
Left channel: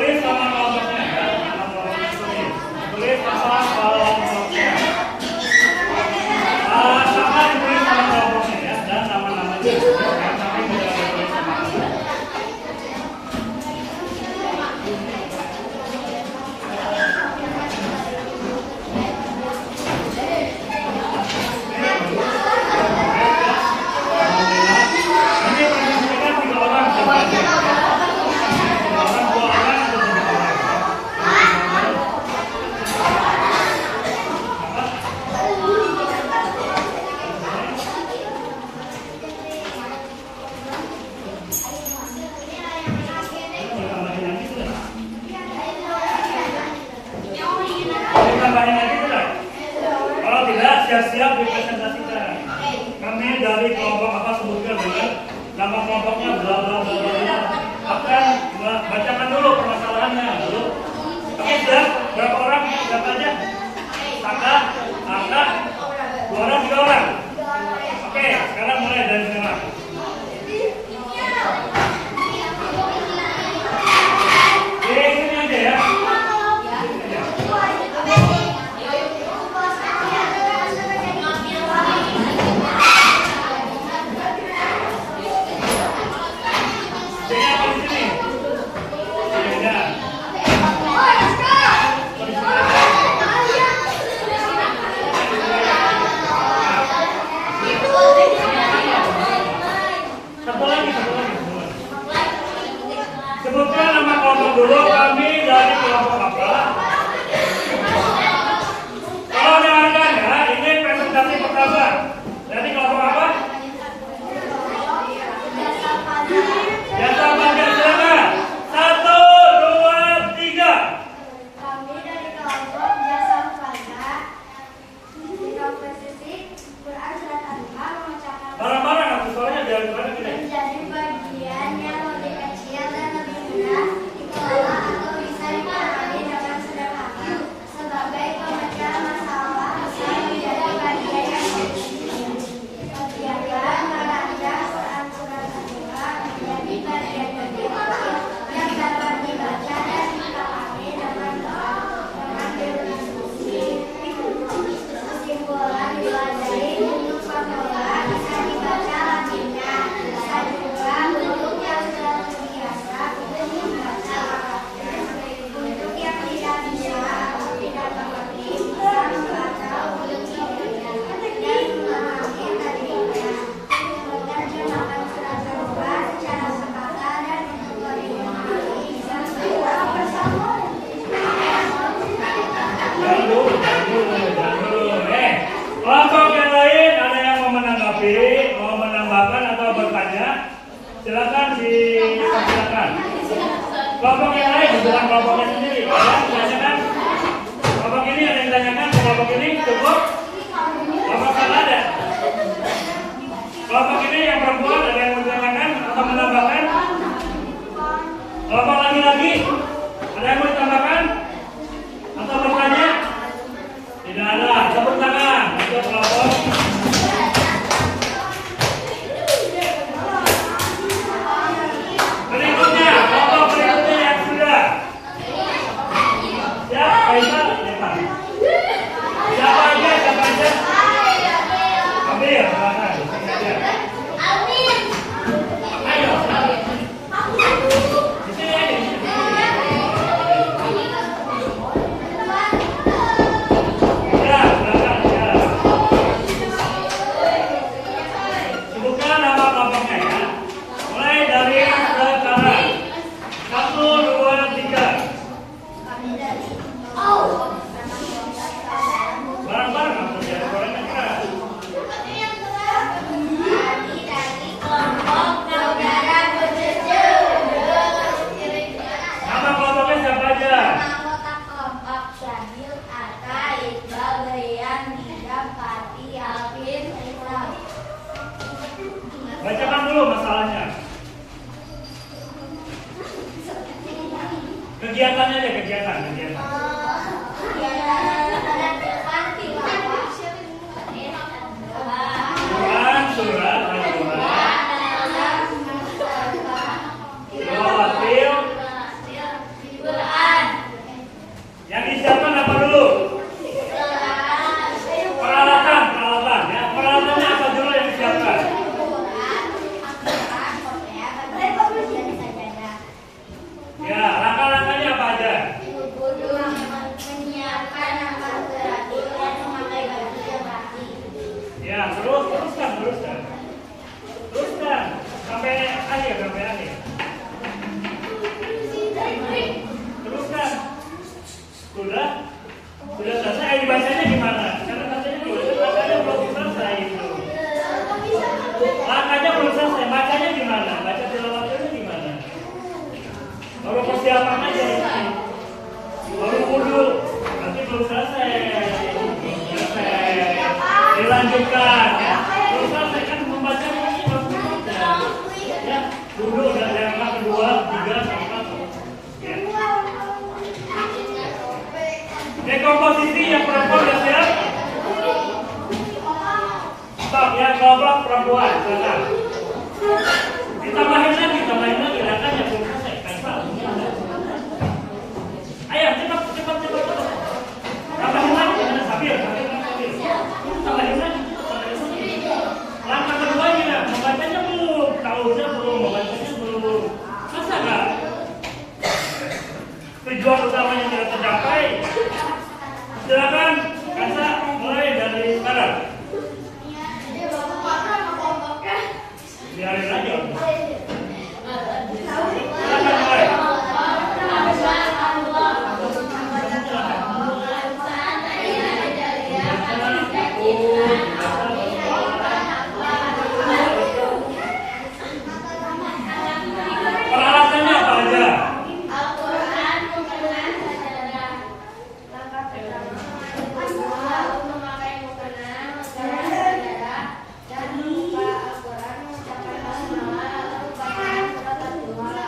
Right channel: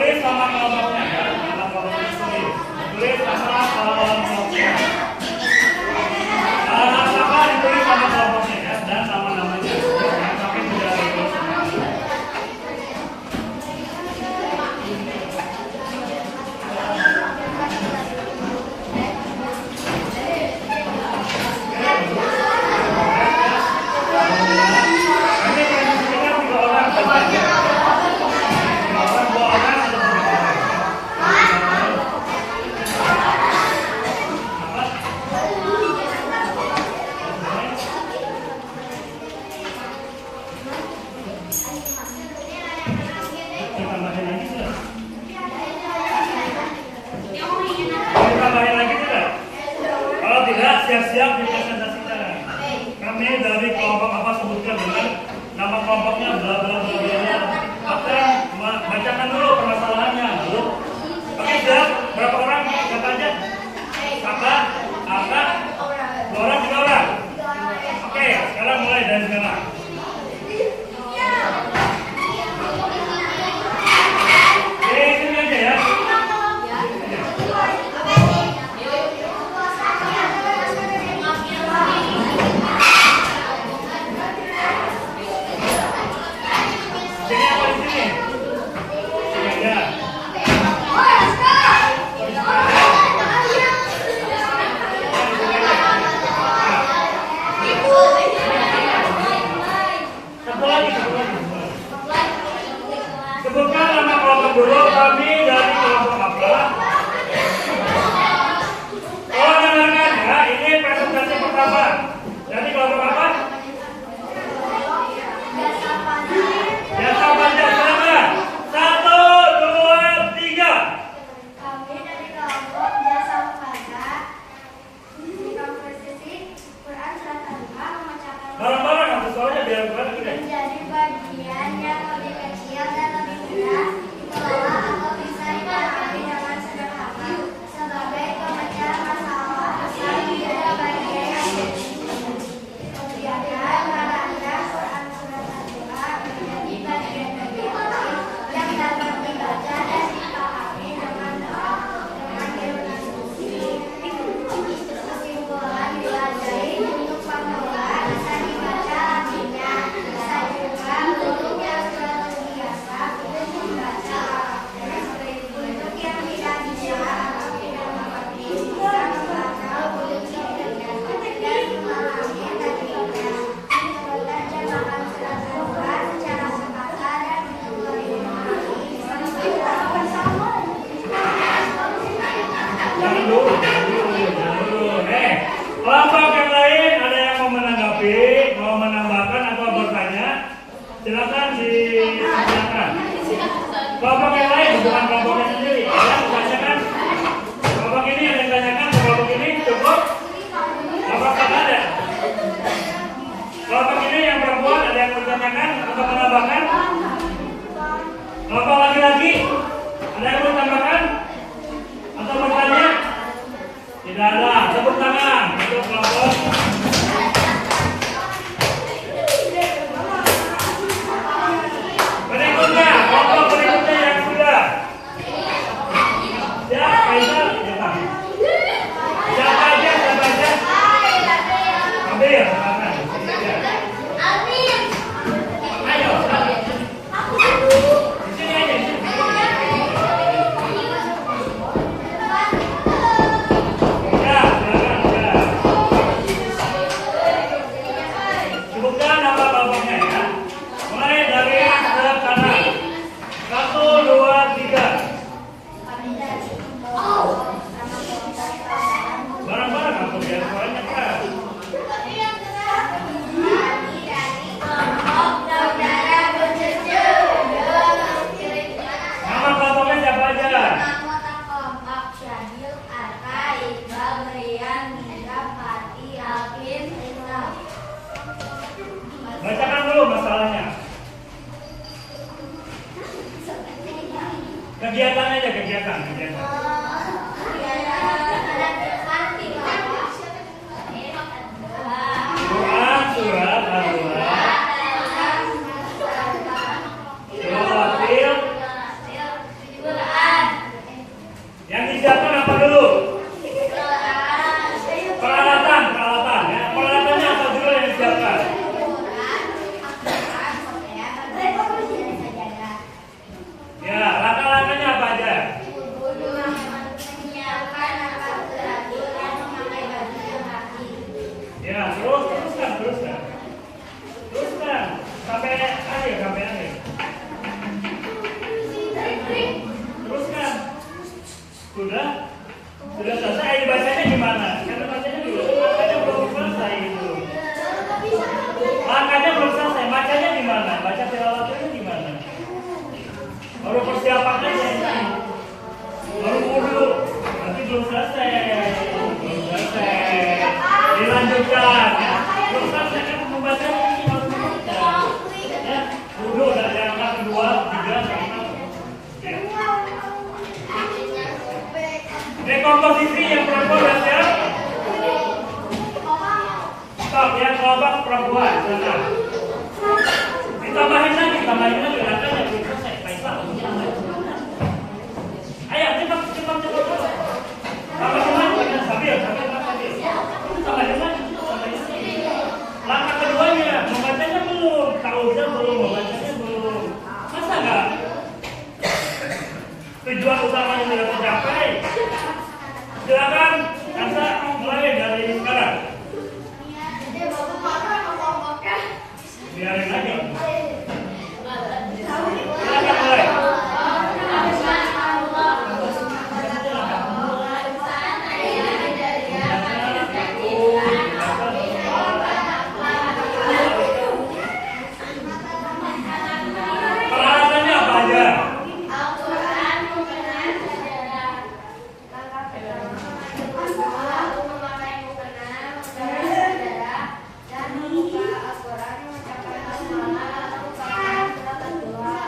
Tulis nama kelompoknya ya, nama kelompoknya tulis. Tulis nama kelompoknya. Maka ditulis nama kelompoknya ya dan nama-namanya. Jangan sampai tidak ditulis nama. Siap-siap dipresentasikan. Kami dari kelompok apa sebutkan dengan nama kelompoknya bla bla bla bla. Akan bacakan dulu permasalahannya dulu. Oke, siap? Berapa orang? Siapa aja? Kakak, kakak, 2 orang, 3 orang. Oke, sekarang mulai dari sekarang. Sini aja ya. Sebutkan nama kelompok dulu, kami dari kelompok apa? Kalau dengarkan ya, ini presentasi pertama. Jadi kelompok apa? Jasa Marga, silakan. 1, 2, 3. Kami dari kelompok Jasa Marga di komposisi Quran Surat Al-Baqarah membacakan Barang-barang atau suaranya biar barang gini. menjadi bagian yang lebih kecil dan lebih mudah dikelola atau bisa dipahami dengan sederhana sebagai pemecahan masalah asal menjadi bagian yang kegiatan membaca Quran Surat Al-Baqarah menjadi bagian kecil yang dapat dibaca dan dipahami dengan diskusi. Kesimpulan dipelajari bentuk formula bisa dibaca artinya, bisa juga bentuk yang sudah terbiasa untuk membaca karakter. Untuk yang tidak bisa atau tidak mengerti bisa membaca bentuk dan memahami artinya. Menerjemahkan surat Al-Baqarah secara sekata dan untuk lebih memahami bisa bersama. Kelompok yang lain ada yang mau menanggapi, mau menambahkan atau bertanya, silakan ditanyakan. Kelompok yang lain bukan kelompoknya sendiri, ada yang ditanyakan. Kelompok ini ada yang ditanyakan, kelompok ini cukup. Kelompok yang ada. Kelompok ini yang perempuan ada yang bertanyakan atau menambahkan. Kelompok laki-laki ada yang mau ditambahkan atau bertanya? Tidak ada. Tepuk tangan untuk kelompok. Berikutnya, kelompok berikutnya yang sudah. Siap, Kaisar? Siapa aja? Siapa aja? Ambil, silakan. Sini aja. Ayo. Di sini aja. Ya, silakan ya. Sebutkan nama kelompoknya ya. Mulai dari sekarang. 1, 2, 3. Barang-barang aku biar suaranya keras. Nama kelompoknya siapa aja? Anggota kelompok Syahil, Arka, Iqbal, Brian, Nida, Fatih, Alvin, Islam. Bacakan dulu masalahnya. Kegiatannya aja, kegiatan. Quran, surat, Al-Quran, Nawafil, Biarin lagi. Silakan mulai. Peralatannya apa aja? Al-Quran, mukena, sejarah. Langkah pertama, lalu memakai mukena, menggunakan sejarah, dan membuka Al-Quran, mengucapkan basmalah, lalu bacakan surat Al-Duha.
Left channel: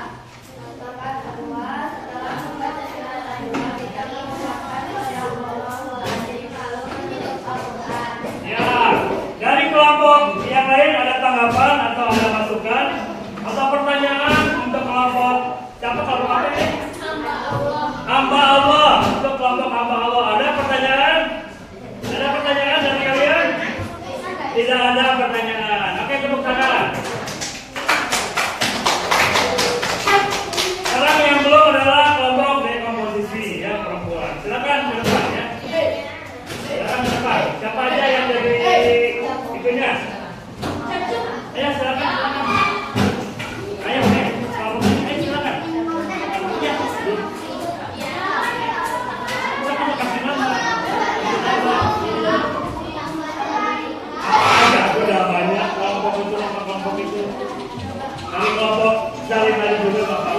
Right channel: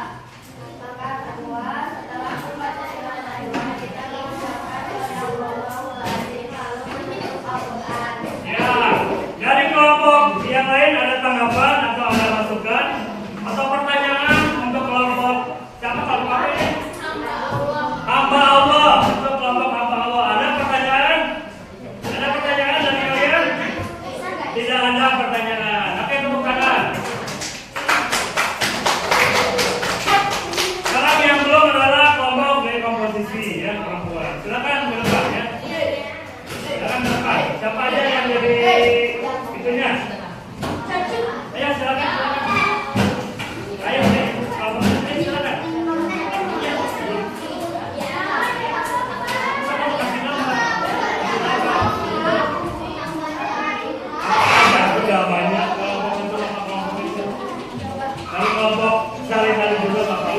Langkah kedua, setelah membaca surat Al-Duha, kita mengucapkan Bismillahirrahmanirrahim, lalu menutup Al-Quran. Ya, dari kelompok yang lain ada tanggapan atau ada masukan atau pertanyaan untuk kelompok siapa kelompok apa ini? Hamba Allah. Untuk kelompok hamba Allah ada pertanyaan? Ada pertanyaan dari kalian? Tidak ada pertanyaan. Oke, tepuk tangan. Sekarang yang belum adalah kelompok dari komposisi yang perempuan. Silakan berdebat ya. Silakan berdebat. Siapa aja yang dari itunya? Ayo silakan. Ayo, silakan. Sudah banyak kelompok itu, kelompok itu. Kalau kelompok sekali-kali dulu Bapak.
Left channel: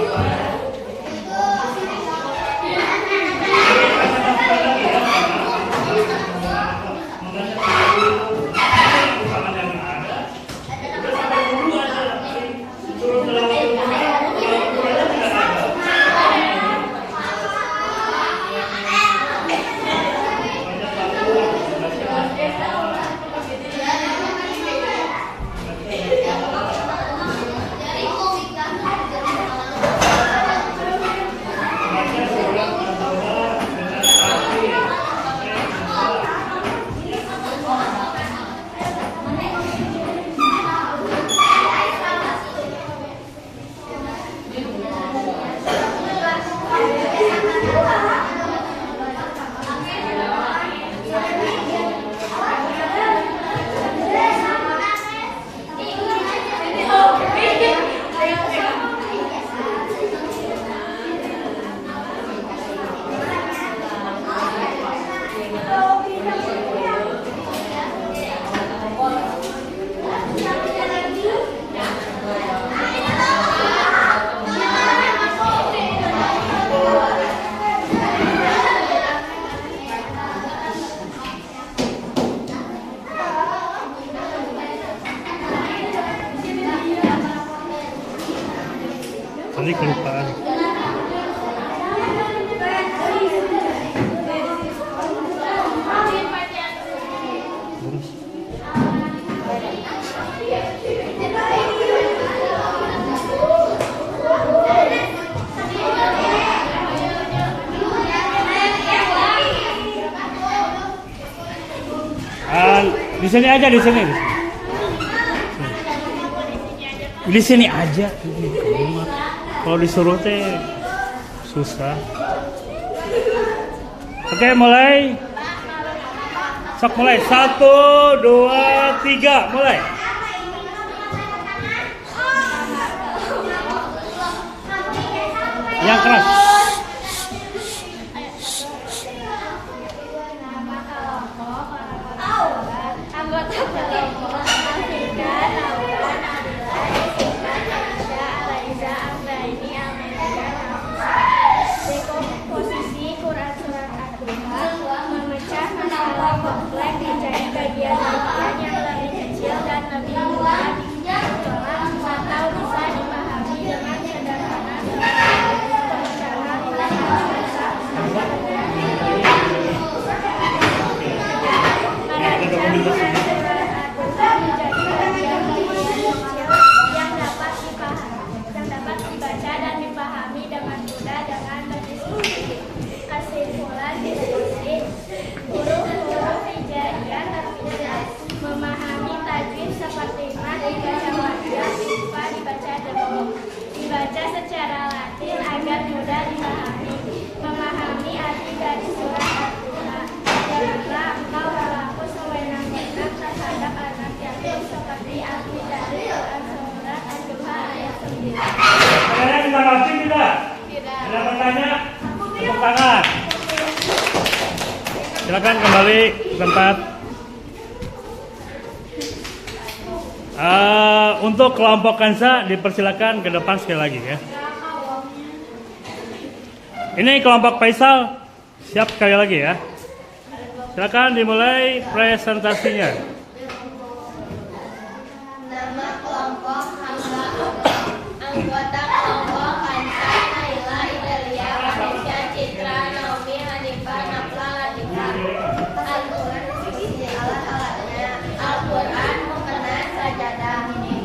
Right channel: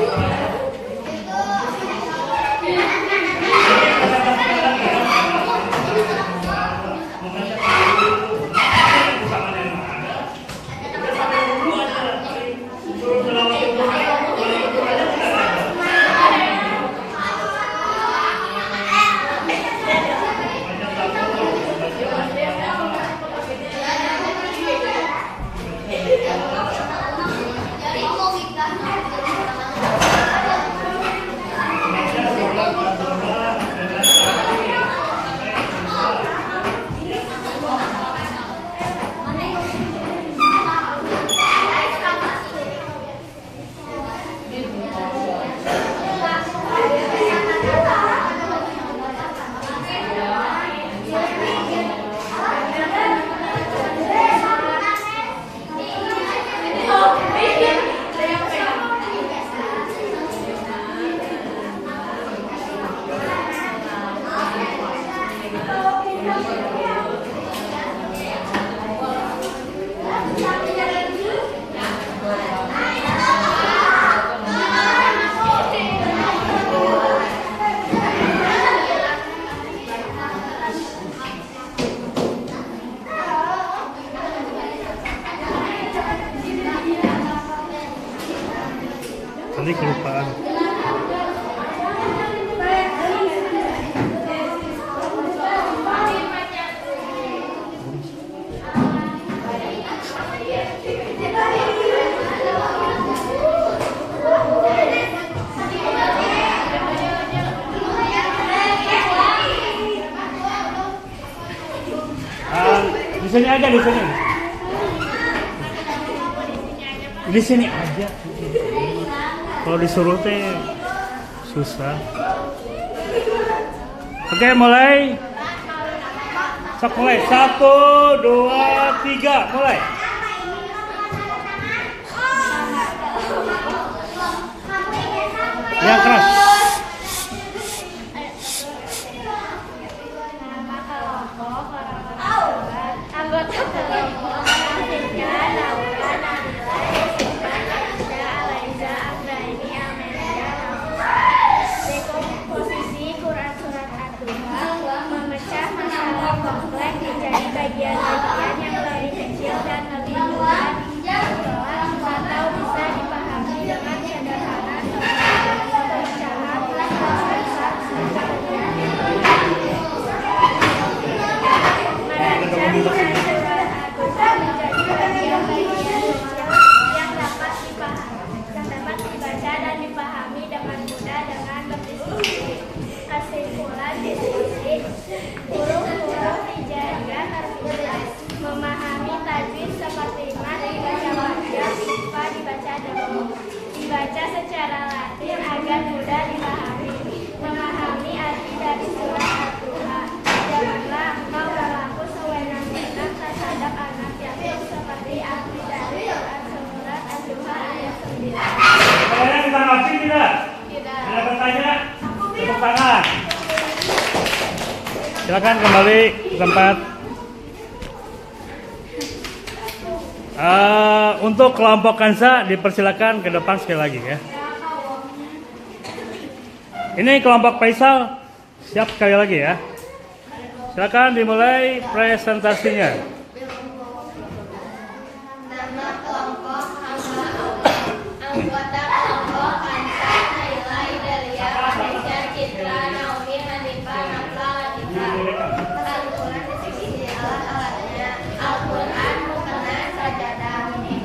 Tadi kelupaan. Di sini aja, di sini. Di sini aja. Kalau disuruh teh susah. Oke, mulai. Sok mulai. 1, 2, 3, mulai. Yang keras. Nama kelompok orang-orang sahabat, anggota kelompok Afika, Naura, Nabila, Yusufa, Aisyah, Alaiza, Amraini, Amelia, Nafisa. Dekomposisi Quran Surat Ad-Duha, memecah masalah kompleks menjadi bagian-bagian yang lebih kecil dan lebih mudah ditolak atau bisa dipahami dengan sederhana seperti pemecahan mengerti tidak? Ada bertanya? Tepuk tangan. Silakan kembali ke tempat. Untuk kelompok Kansa dipersilakan ke depan sekali lagi ya. Ini kelompok Faisal siap sekali lagi ya. Silakan dimulai presentasinya. Nama kelompok Hamza anggota kelompok Kansa Naila Idalia Vanessa Citra Naomi Hanifah Nafla Latika. Al-Quran diskusi alat-alatnya. Al-Quran mukena sajadah.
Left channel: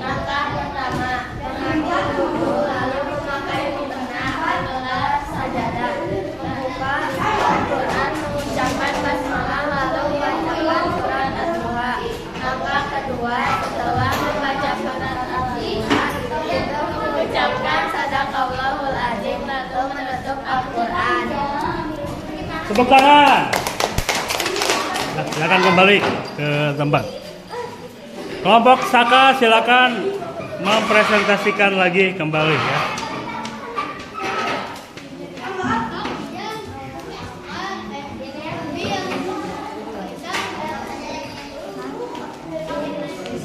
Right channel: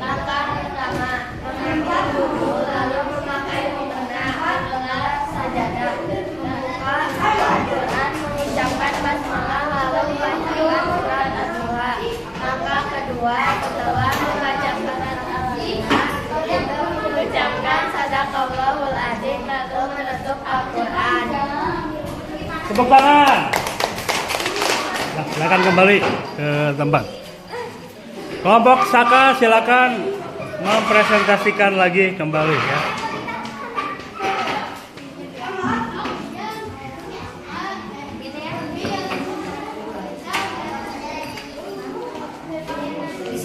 Langkah pertama mengambil wudhu lalu memakai mukena adalah sajadah. Membuka Al-Quran mengucapkan basmalah lalu membacakan surat Al-Duha. Langkah kedua setelah membaca surat Al-Duha itu mengucapkan sadaqallahul adzim lalu menutup Al-Quran. Tepuk tangan. Nah, silakan kembali ke tempat. Kelompok Saka silakan mempresentasikan lagi kembali ya.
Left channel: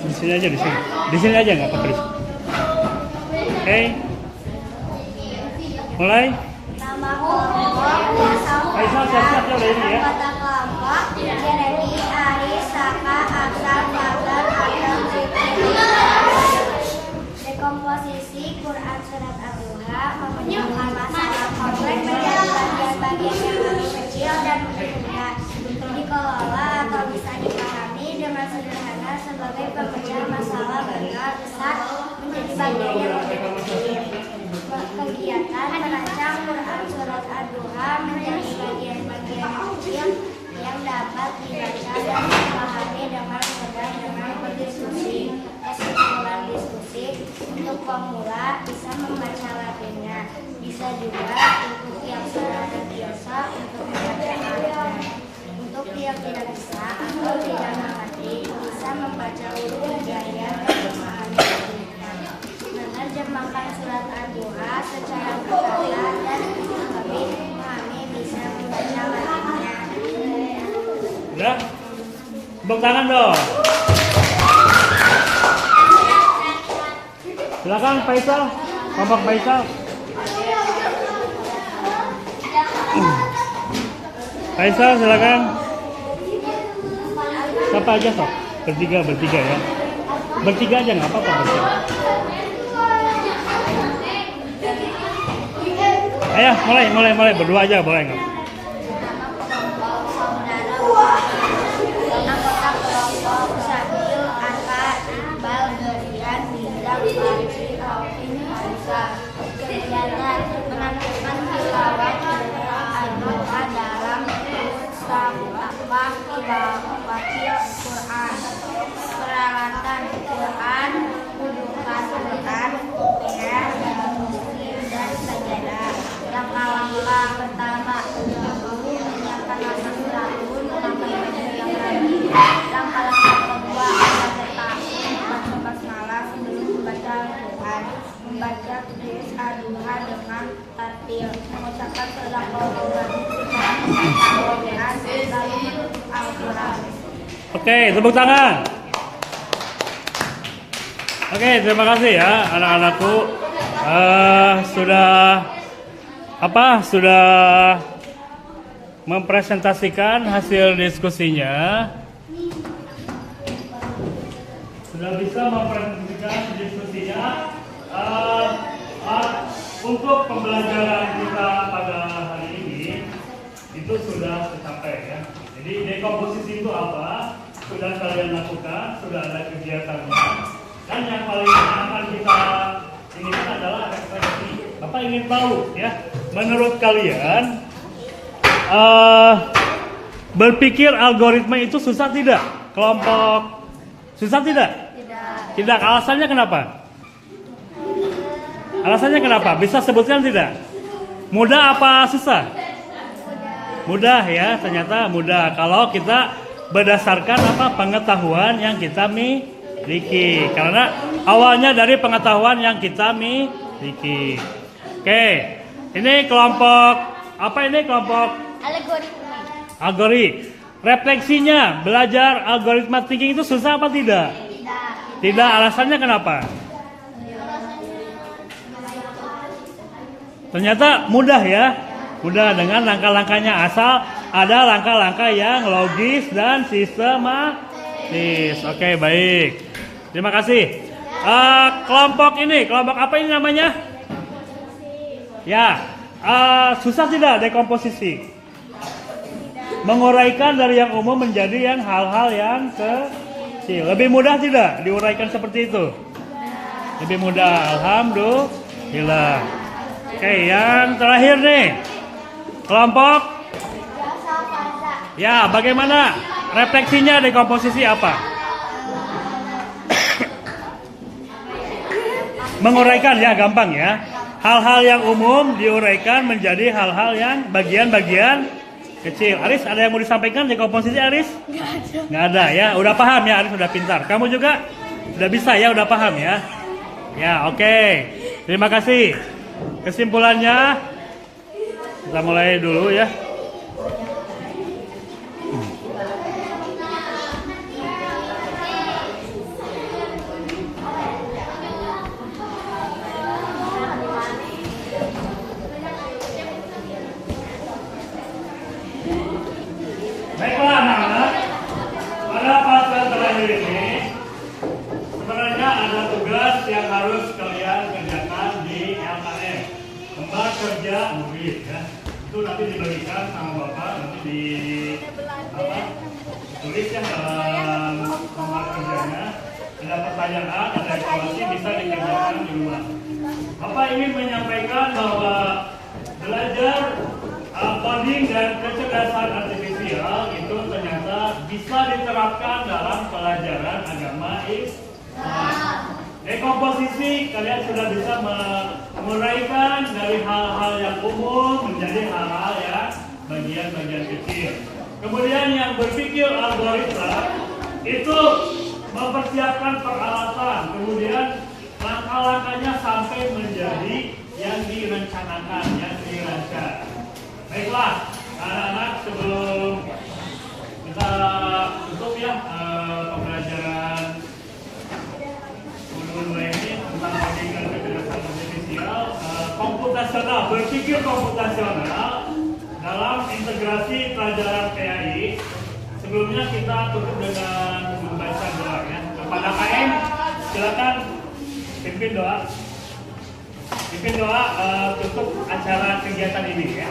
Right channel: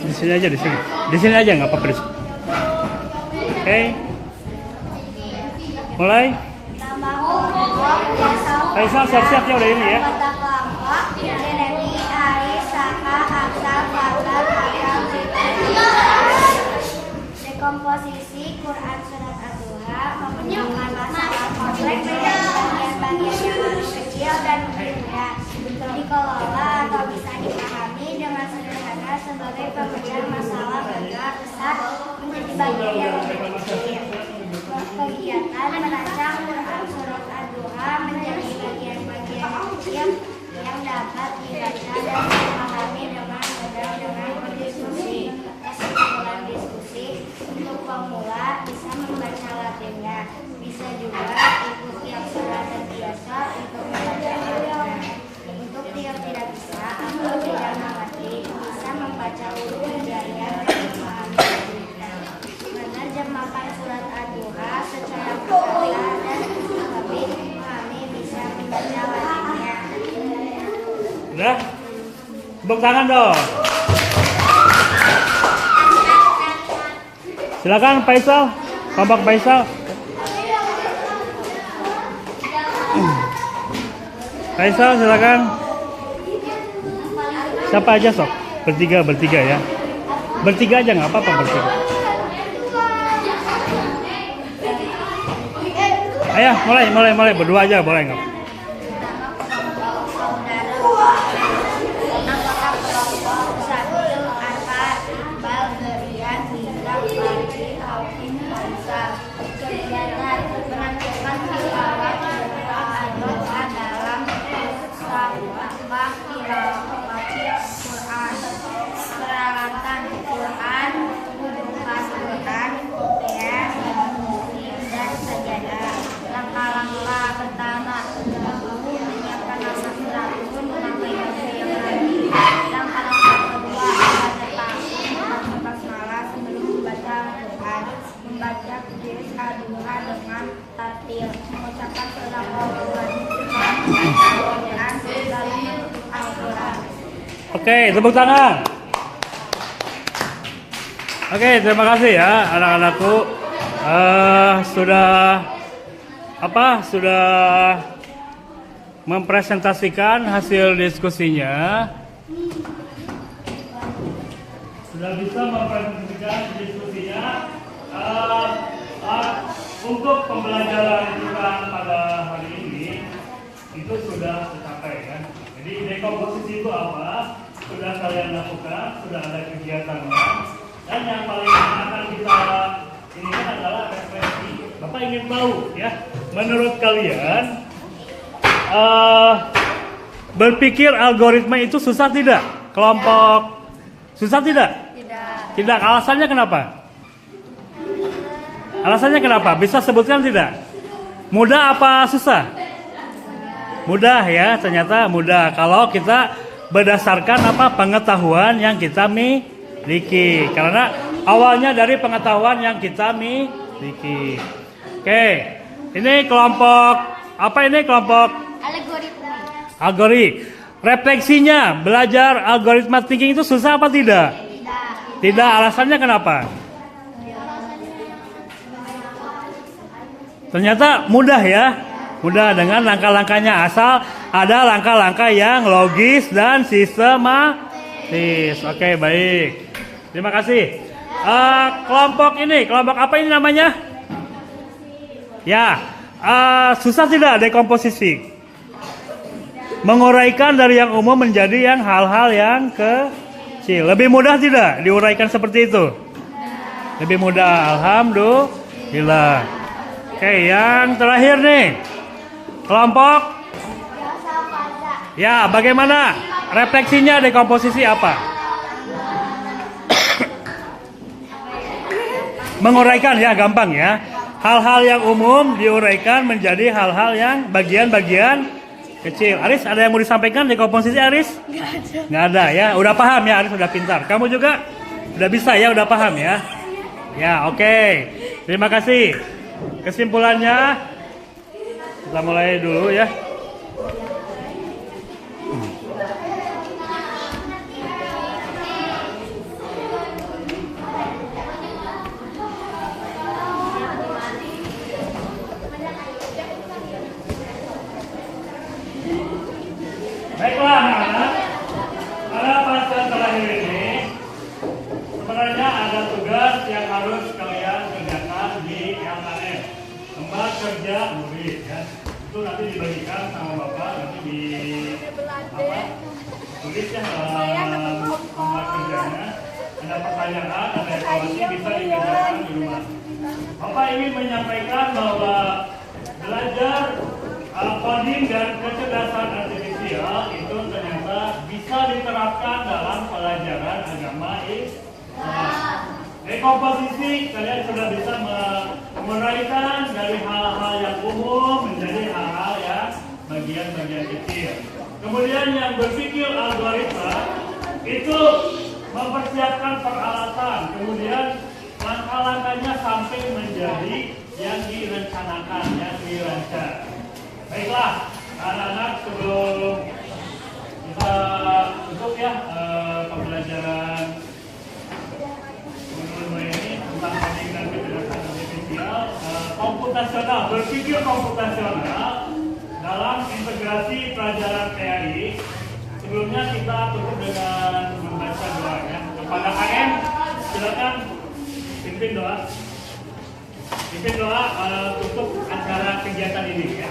Di sini aja, di sini aja nggak apa-apa di sini. Oke, mulai. Nama kelompok Faisal Siap-siap ya udah ini ya. anggota kelompok Jeremy, Aris, Saka, Afsal, Fadlan, Akram, Siti, dekomposisi Quran Surat Ad-Duha memecahkan masalah kompleks menjadi bagian-bagian yang lebih kecil dan mudah dikelola atau bisa dipahami dengan sederhana sebagai pemecah masalah besar menjadi bagian yang lebih kecil. Kegiatan merancang Quran Surat Ad-Duha menjadi bagian-bagian yang kecil yang dapat dibaca dan dipahami dengan mudah dengan berdiskusi. Kesimpulan diskusi untuk pemula bisa membaca Latinnya, bisa juga untuk yang sudah terbiasa untuk membaca Arabnya. Untuk yang tidak bisa atau tidak mengerti bisa membaca huruf hijaian dan memahami tulisan. Menerjemahkan surat Ad-Duha secara berkata dan lebih memahami bisa membaca Latinnya. Udah? Tepuk tangan dong. Silakan Faisal, kelompok Faisal. Faisal silakan. Siapa aja sok? Bertiga ya. Bertiga aja nggak apa-apa bertiga. Ayo mulai berdua aja boleh nggak? Nama kelompok Saudara Wahid, anggota kelompok Sabil, Arka, Iqbal, Gerian, Nizam, Farji, Alvin, Faisal. Kegiatan menampilkan tilawah Al-Quran dalam musabaqah tilawatil Quran. Peralatan Quran, rujukan Quran, kopian, dan sajadah. Langkah-langkah pertama, menyiapkan naskah suratun, memakai baju yang rapi. Langkah-langkah kedua, membaca ta'awun, membaca basmalah sebelum membaca Al-Quran. Membaca juz Ad-Duha dengan tartil, mengucapkan sadaqallahul adzim setelah membaca Al-Quran, lalu menutup Al-Quran. Oke, tepuk tangan. Oke, terima kasih ya anak-anakku. Sudah mempresentasikan hasil diskusinya. Sudah bisa mempresentasikan diskusinya. Untuk pembelajaran kita pada hari ini itu sudah tercapai ya. Jadi dekomposisi itu apa? Sudah kalian lakukan, sudah ada kegiatannya. Dan yang paling akan kita inginkan adalah refleksi. Bapak ingin tahu ya, menurut kalian berpikir algoritma itu susah tidak? Kelompok susah tidak? Tidak. Alasannya kenapa? Alasannya kenapa? Bisa sebutkan tidak? Mudah apa susah? Mudah ya, ternyata mudah. Kalau kita berdasarkan pengetahuan yang kita miliki. Karena awalnya dari pengetahuan yang kita miliki. Oke, ini kelompok apa ini kelompok Algoritma. algoritma. Refleksinya belajar algoritma thinking itu susah apa tidak? Tidak. Alasannya kenapa? Ternyata mudah ya. Mudah dengan langkah-langkahnya, asal ada langkah-langkah yang logis dan sistematis. Oke, baik. Terima kasih. Kelompok ini, kelompok apa ini namanya? Ya, susah tidak dekomposisi? Menguraikan dari yang umum menjadi yang hal-hal yang kecil. Lebih mudah tidak diuraikan seperti itu? Lebih mudah, alhamdulillah. Oke, yang terakhir nih. Kelompok. Ya, bagaimana refleksinya dekomposisi apa? Menguraikan ya, gampang ya. Hal-hal yang umum diuraikan menjadi hal-hal yang bagian-bagian kecil. Aris, ada yang mau disampaikan dekomposisi, Aris? Nggak ada ya, udah paham ya, Aris udah pintar. Kamu juga udah bisa ya, udah paham ya? Ya, oke. Terima kasih. Kesimpulannya, kita mulai dulu ya. Baiklah anak-anak, pada pasal terakhir ini sebenarnya ada tugas yang harus kalian kerjakan di LKM, tempat kerja murid ya. Itu nanti diberikan sama bapak, nanti tulis ya dalam tempat kerjanya. Ada pertanyaan, ada evaluasi, bisa dikerjakan di rumah. Bapak ingin menyampaikan bahwa belajar coding dan kecerdasan artifisial itu ternyata bisa diterapkan dalam pelajaran agama Islam. Dekomposisi, kalian sudah bisa menguraikan dari hal-hal yang umum menjadi hal-hal yang bagian-bagian kecil. Kemudian yang berpikir algoritma itu mempersiapkan peralatan, kemudian langkah-langkahnya sampai menjadi yang direncanakan, yang dirancang. Baiklah, anak-anak, sebelum kita tutup ya pembelajaran mulai ini tentang pendidikan kecerdasan artifisial, komputasional, berpikir komputasional dalam integrasi pelajaran PAI. Sebelumnya kita tutup dengan membaca doa ya. Kepada KM, silakan pimpin doa. Pimpin doa tutup acara kegiatan ini ya.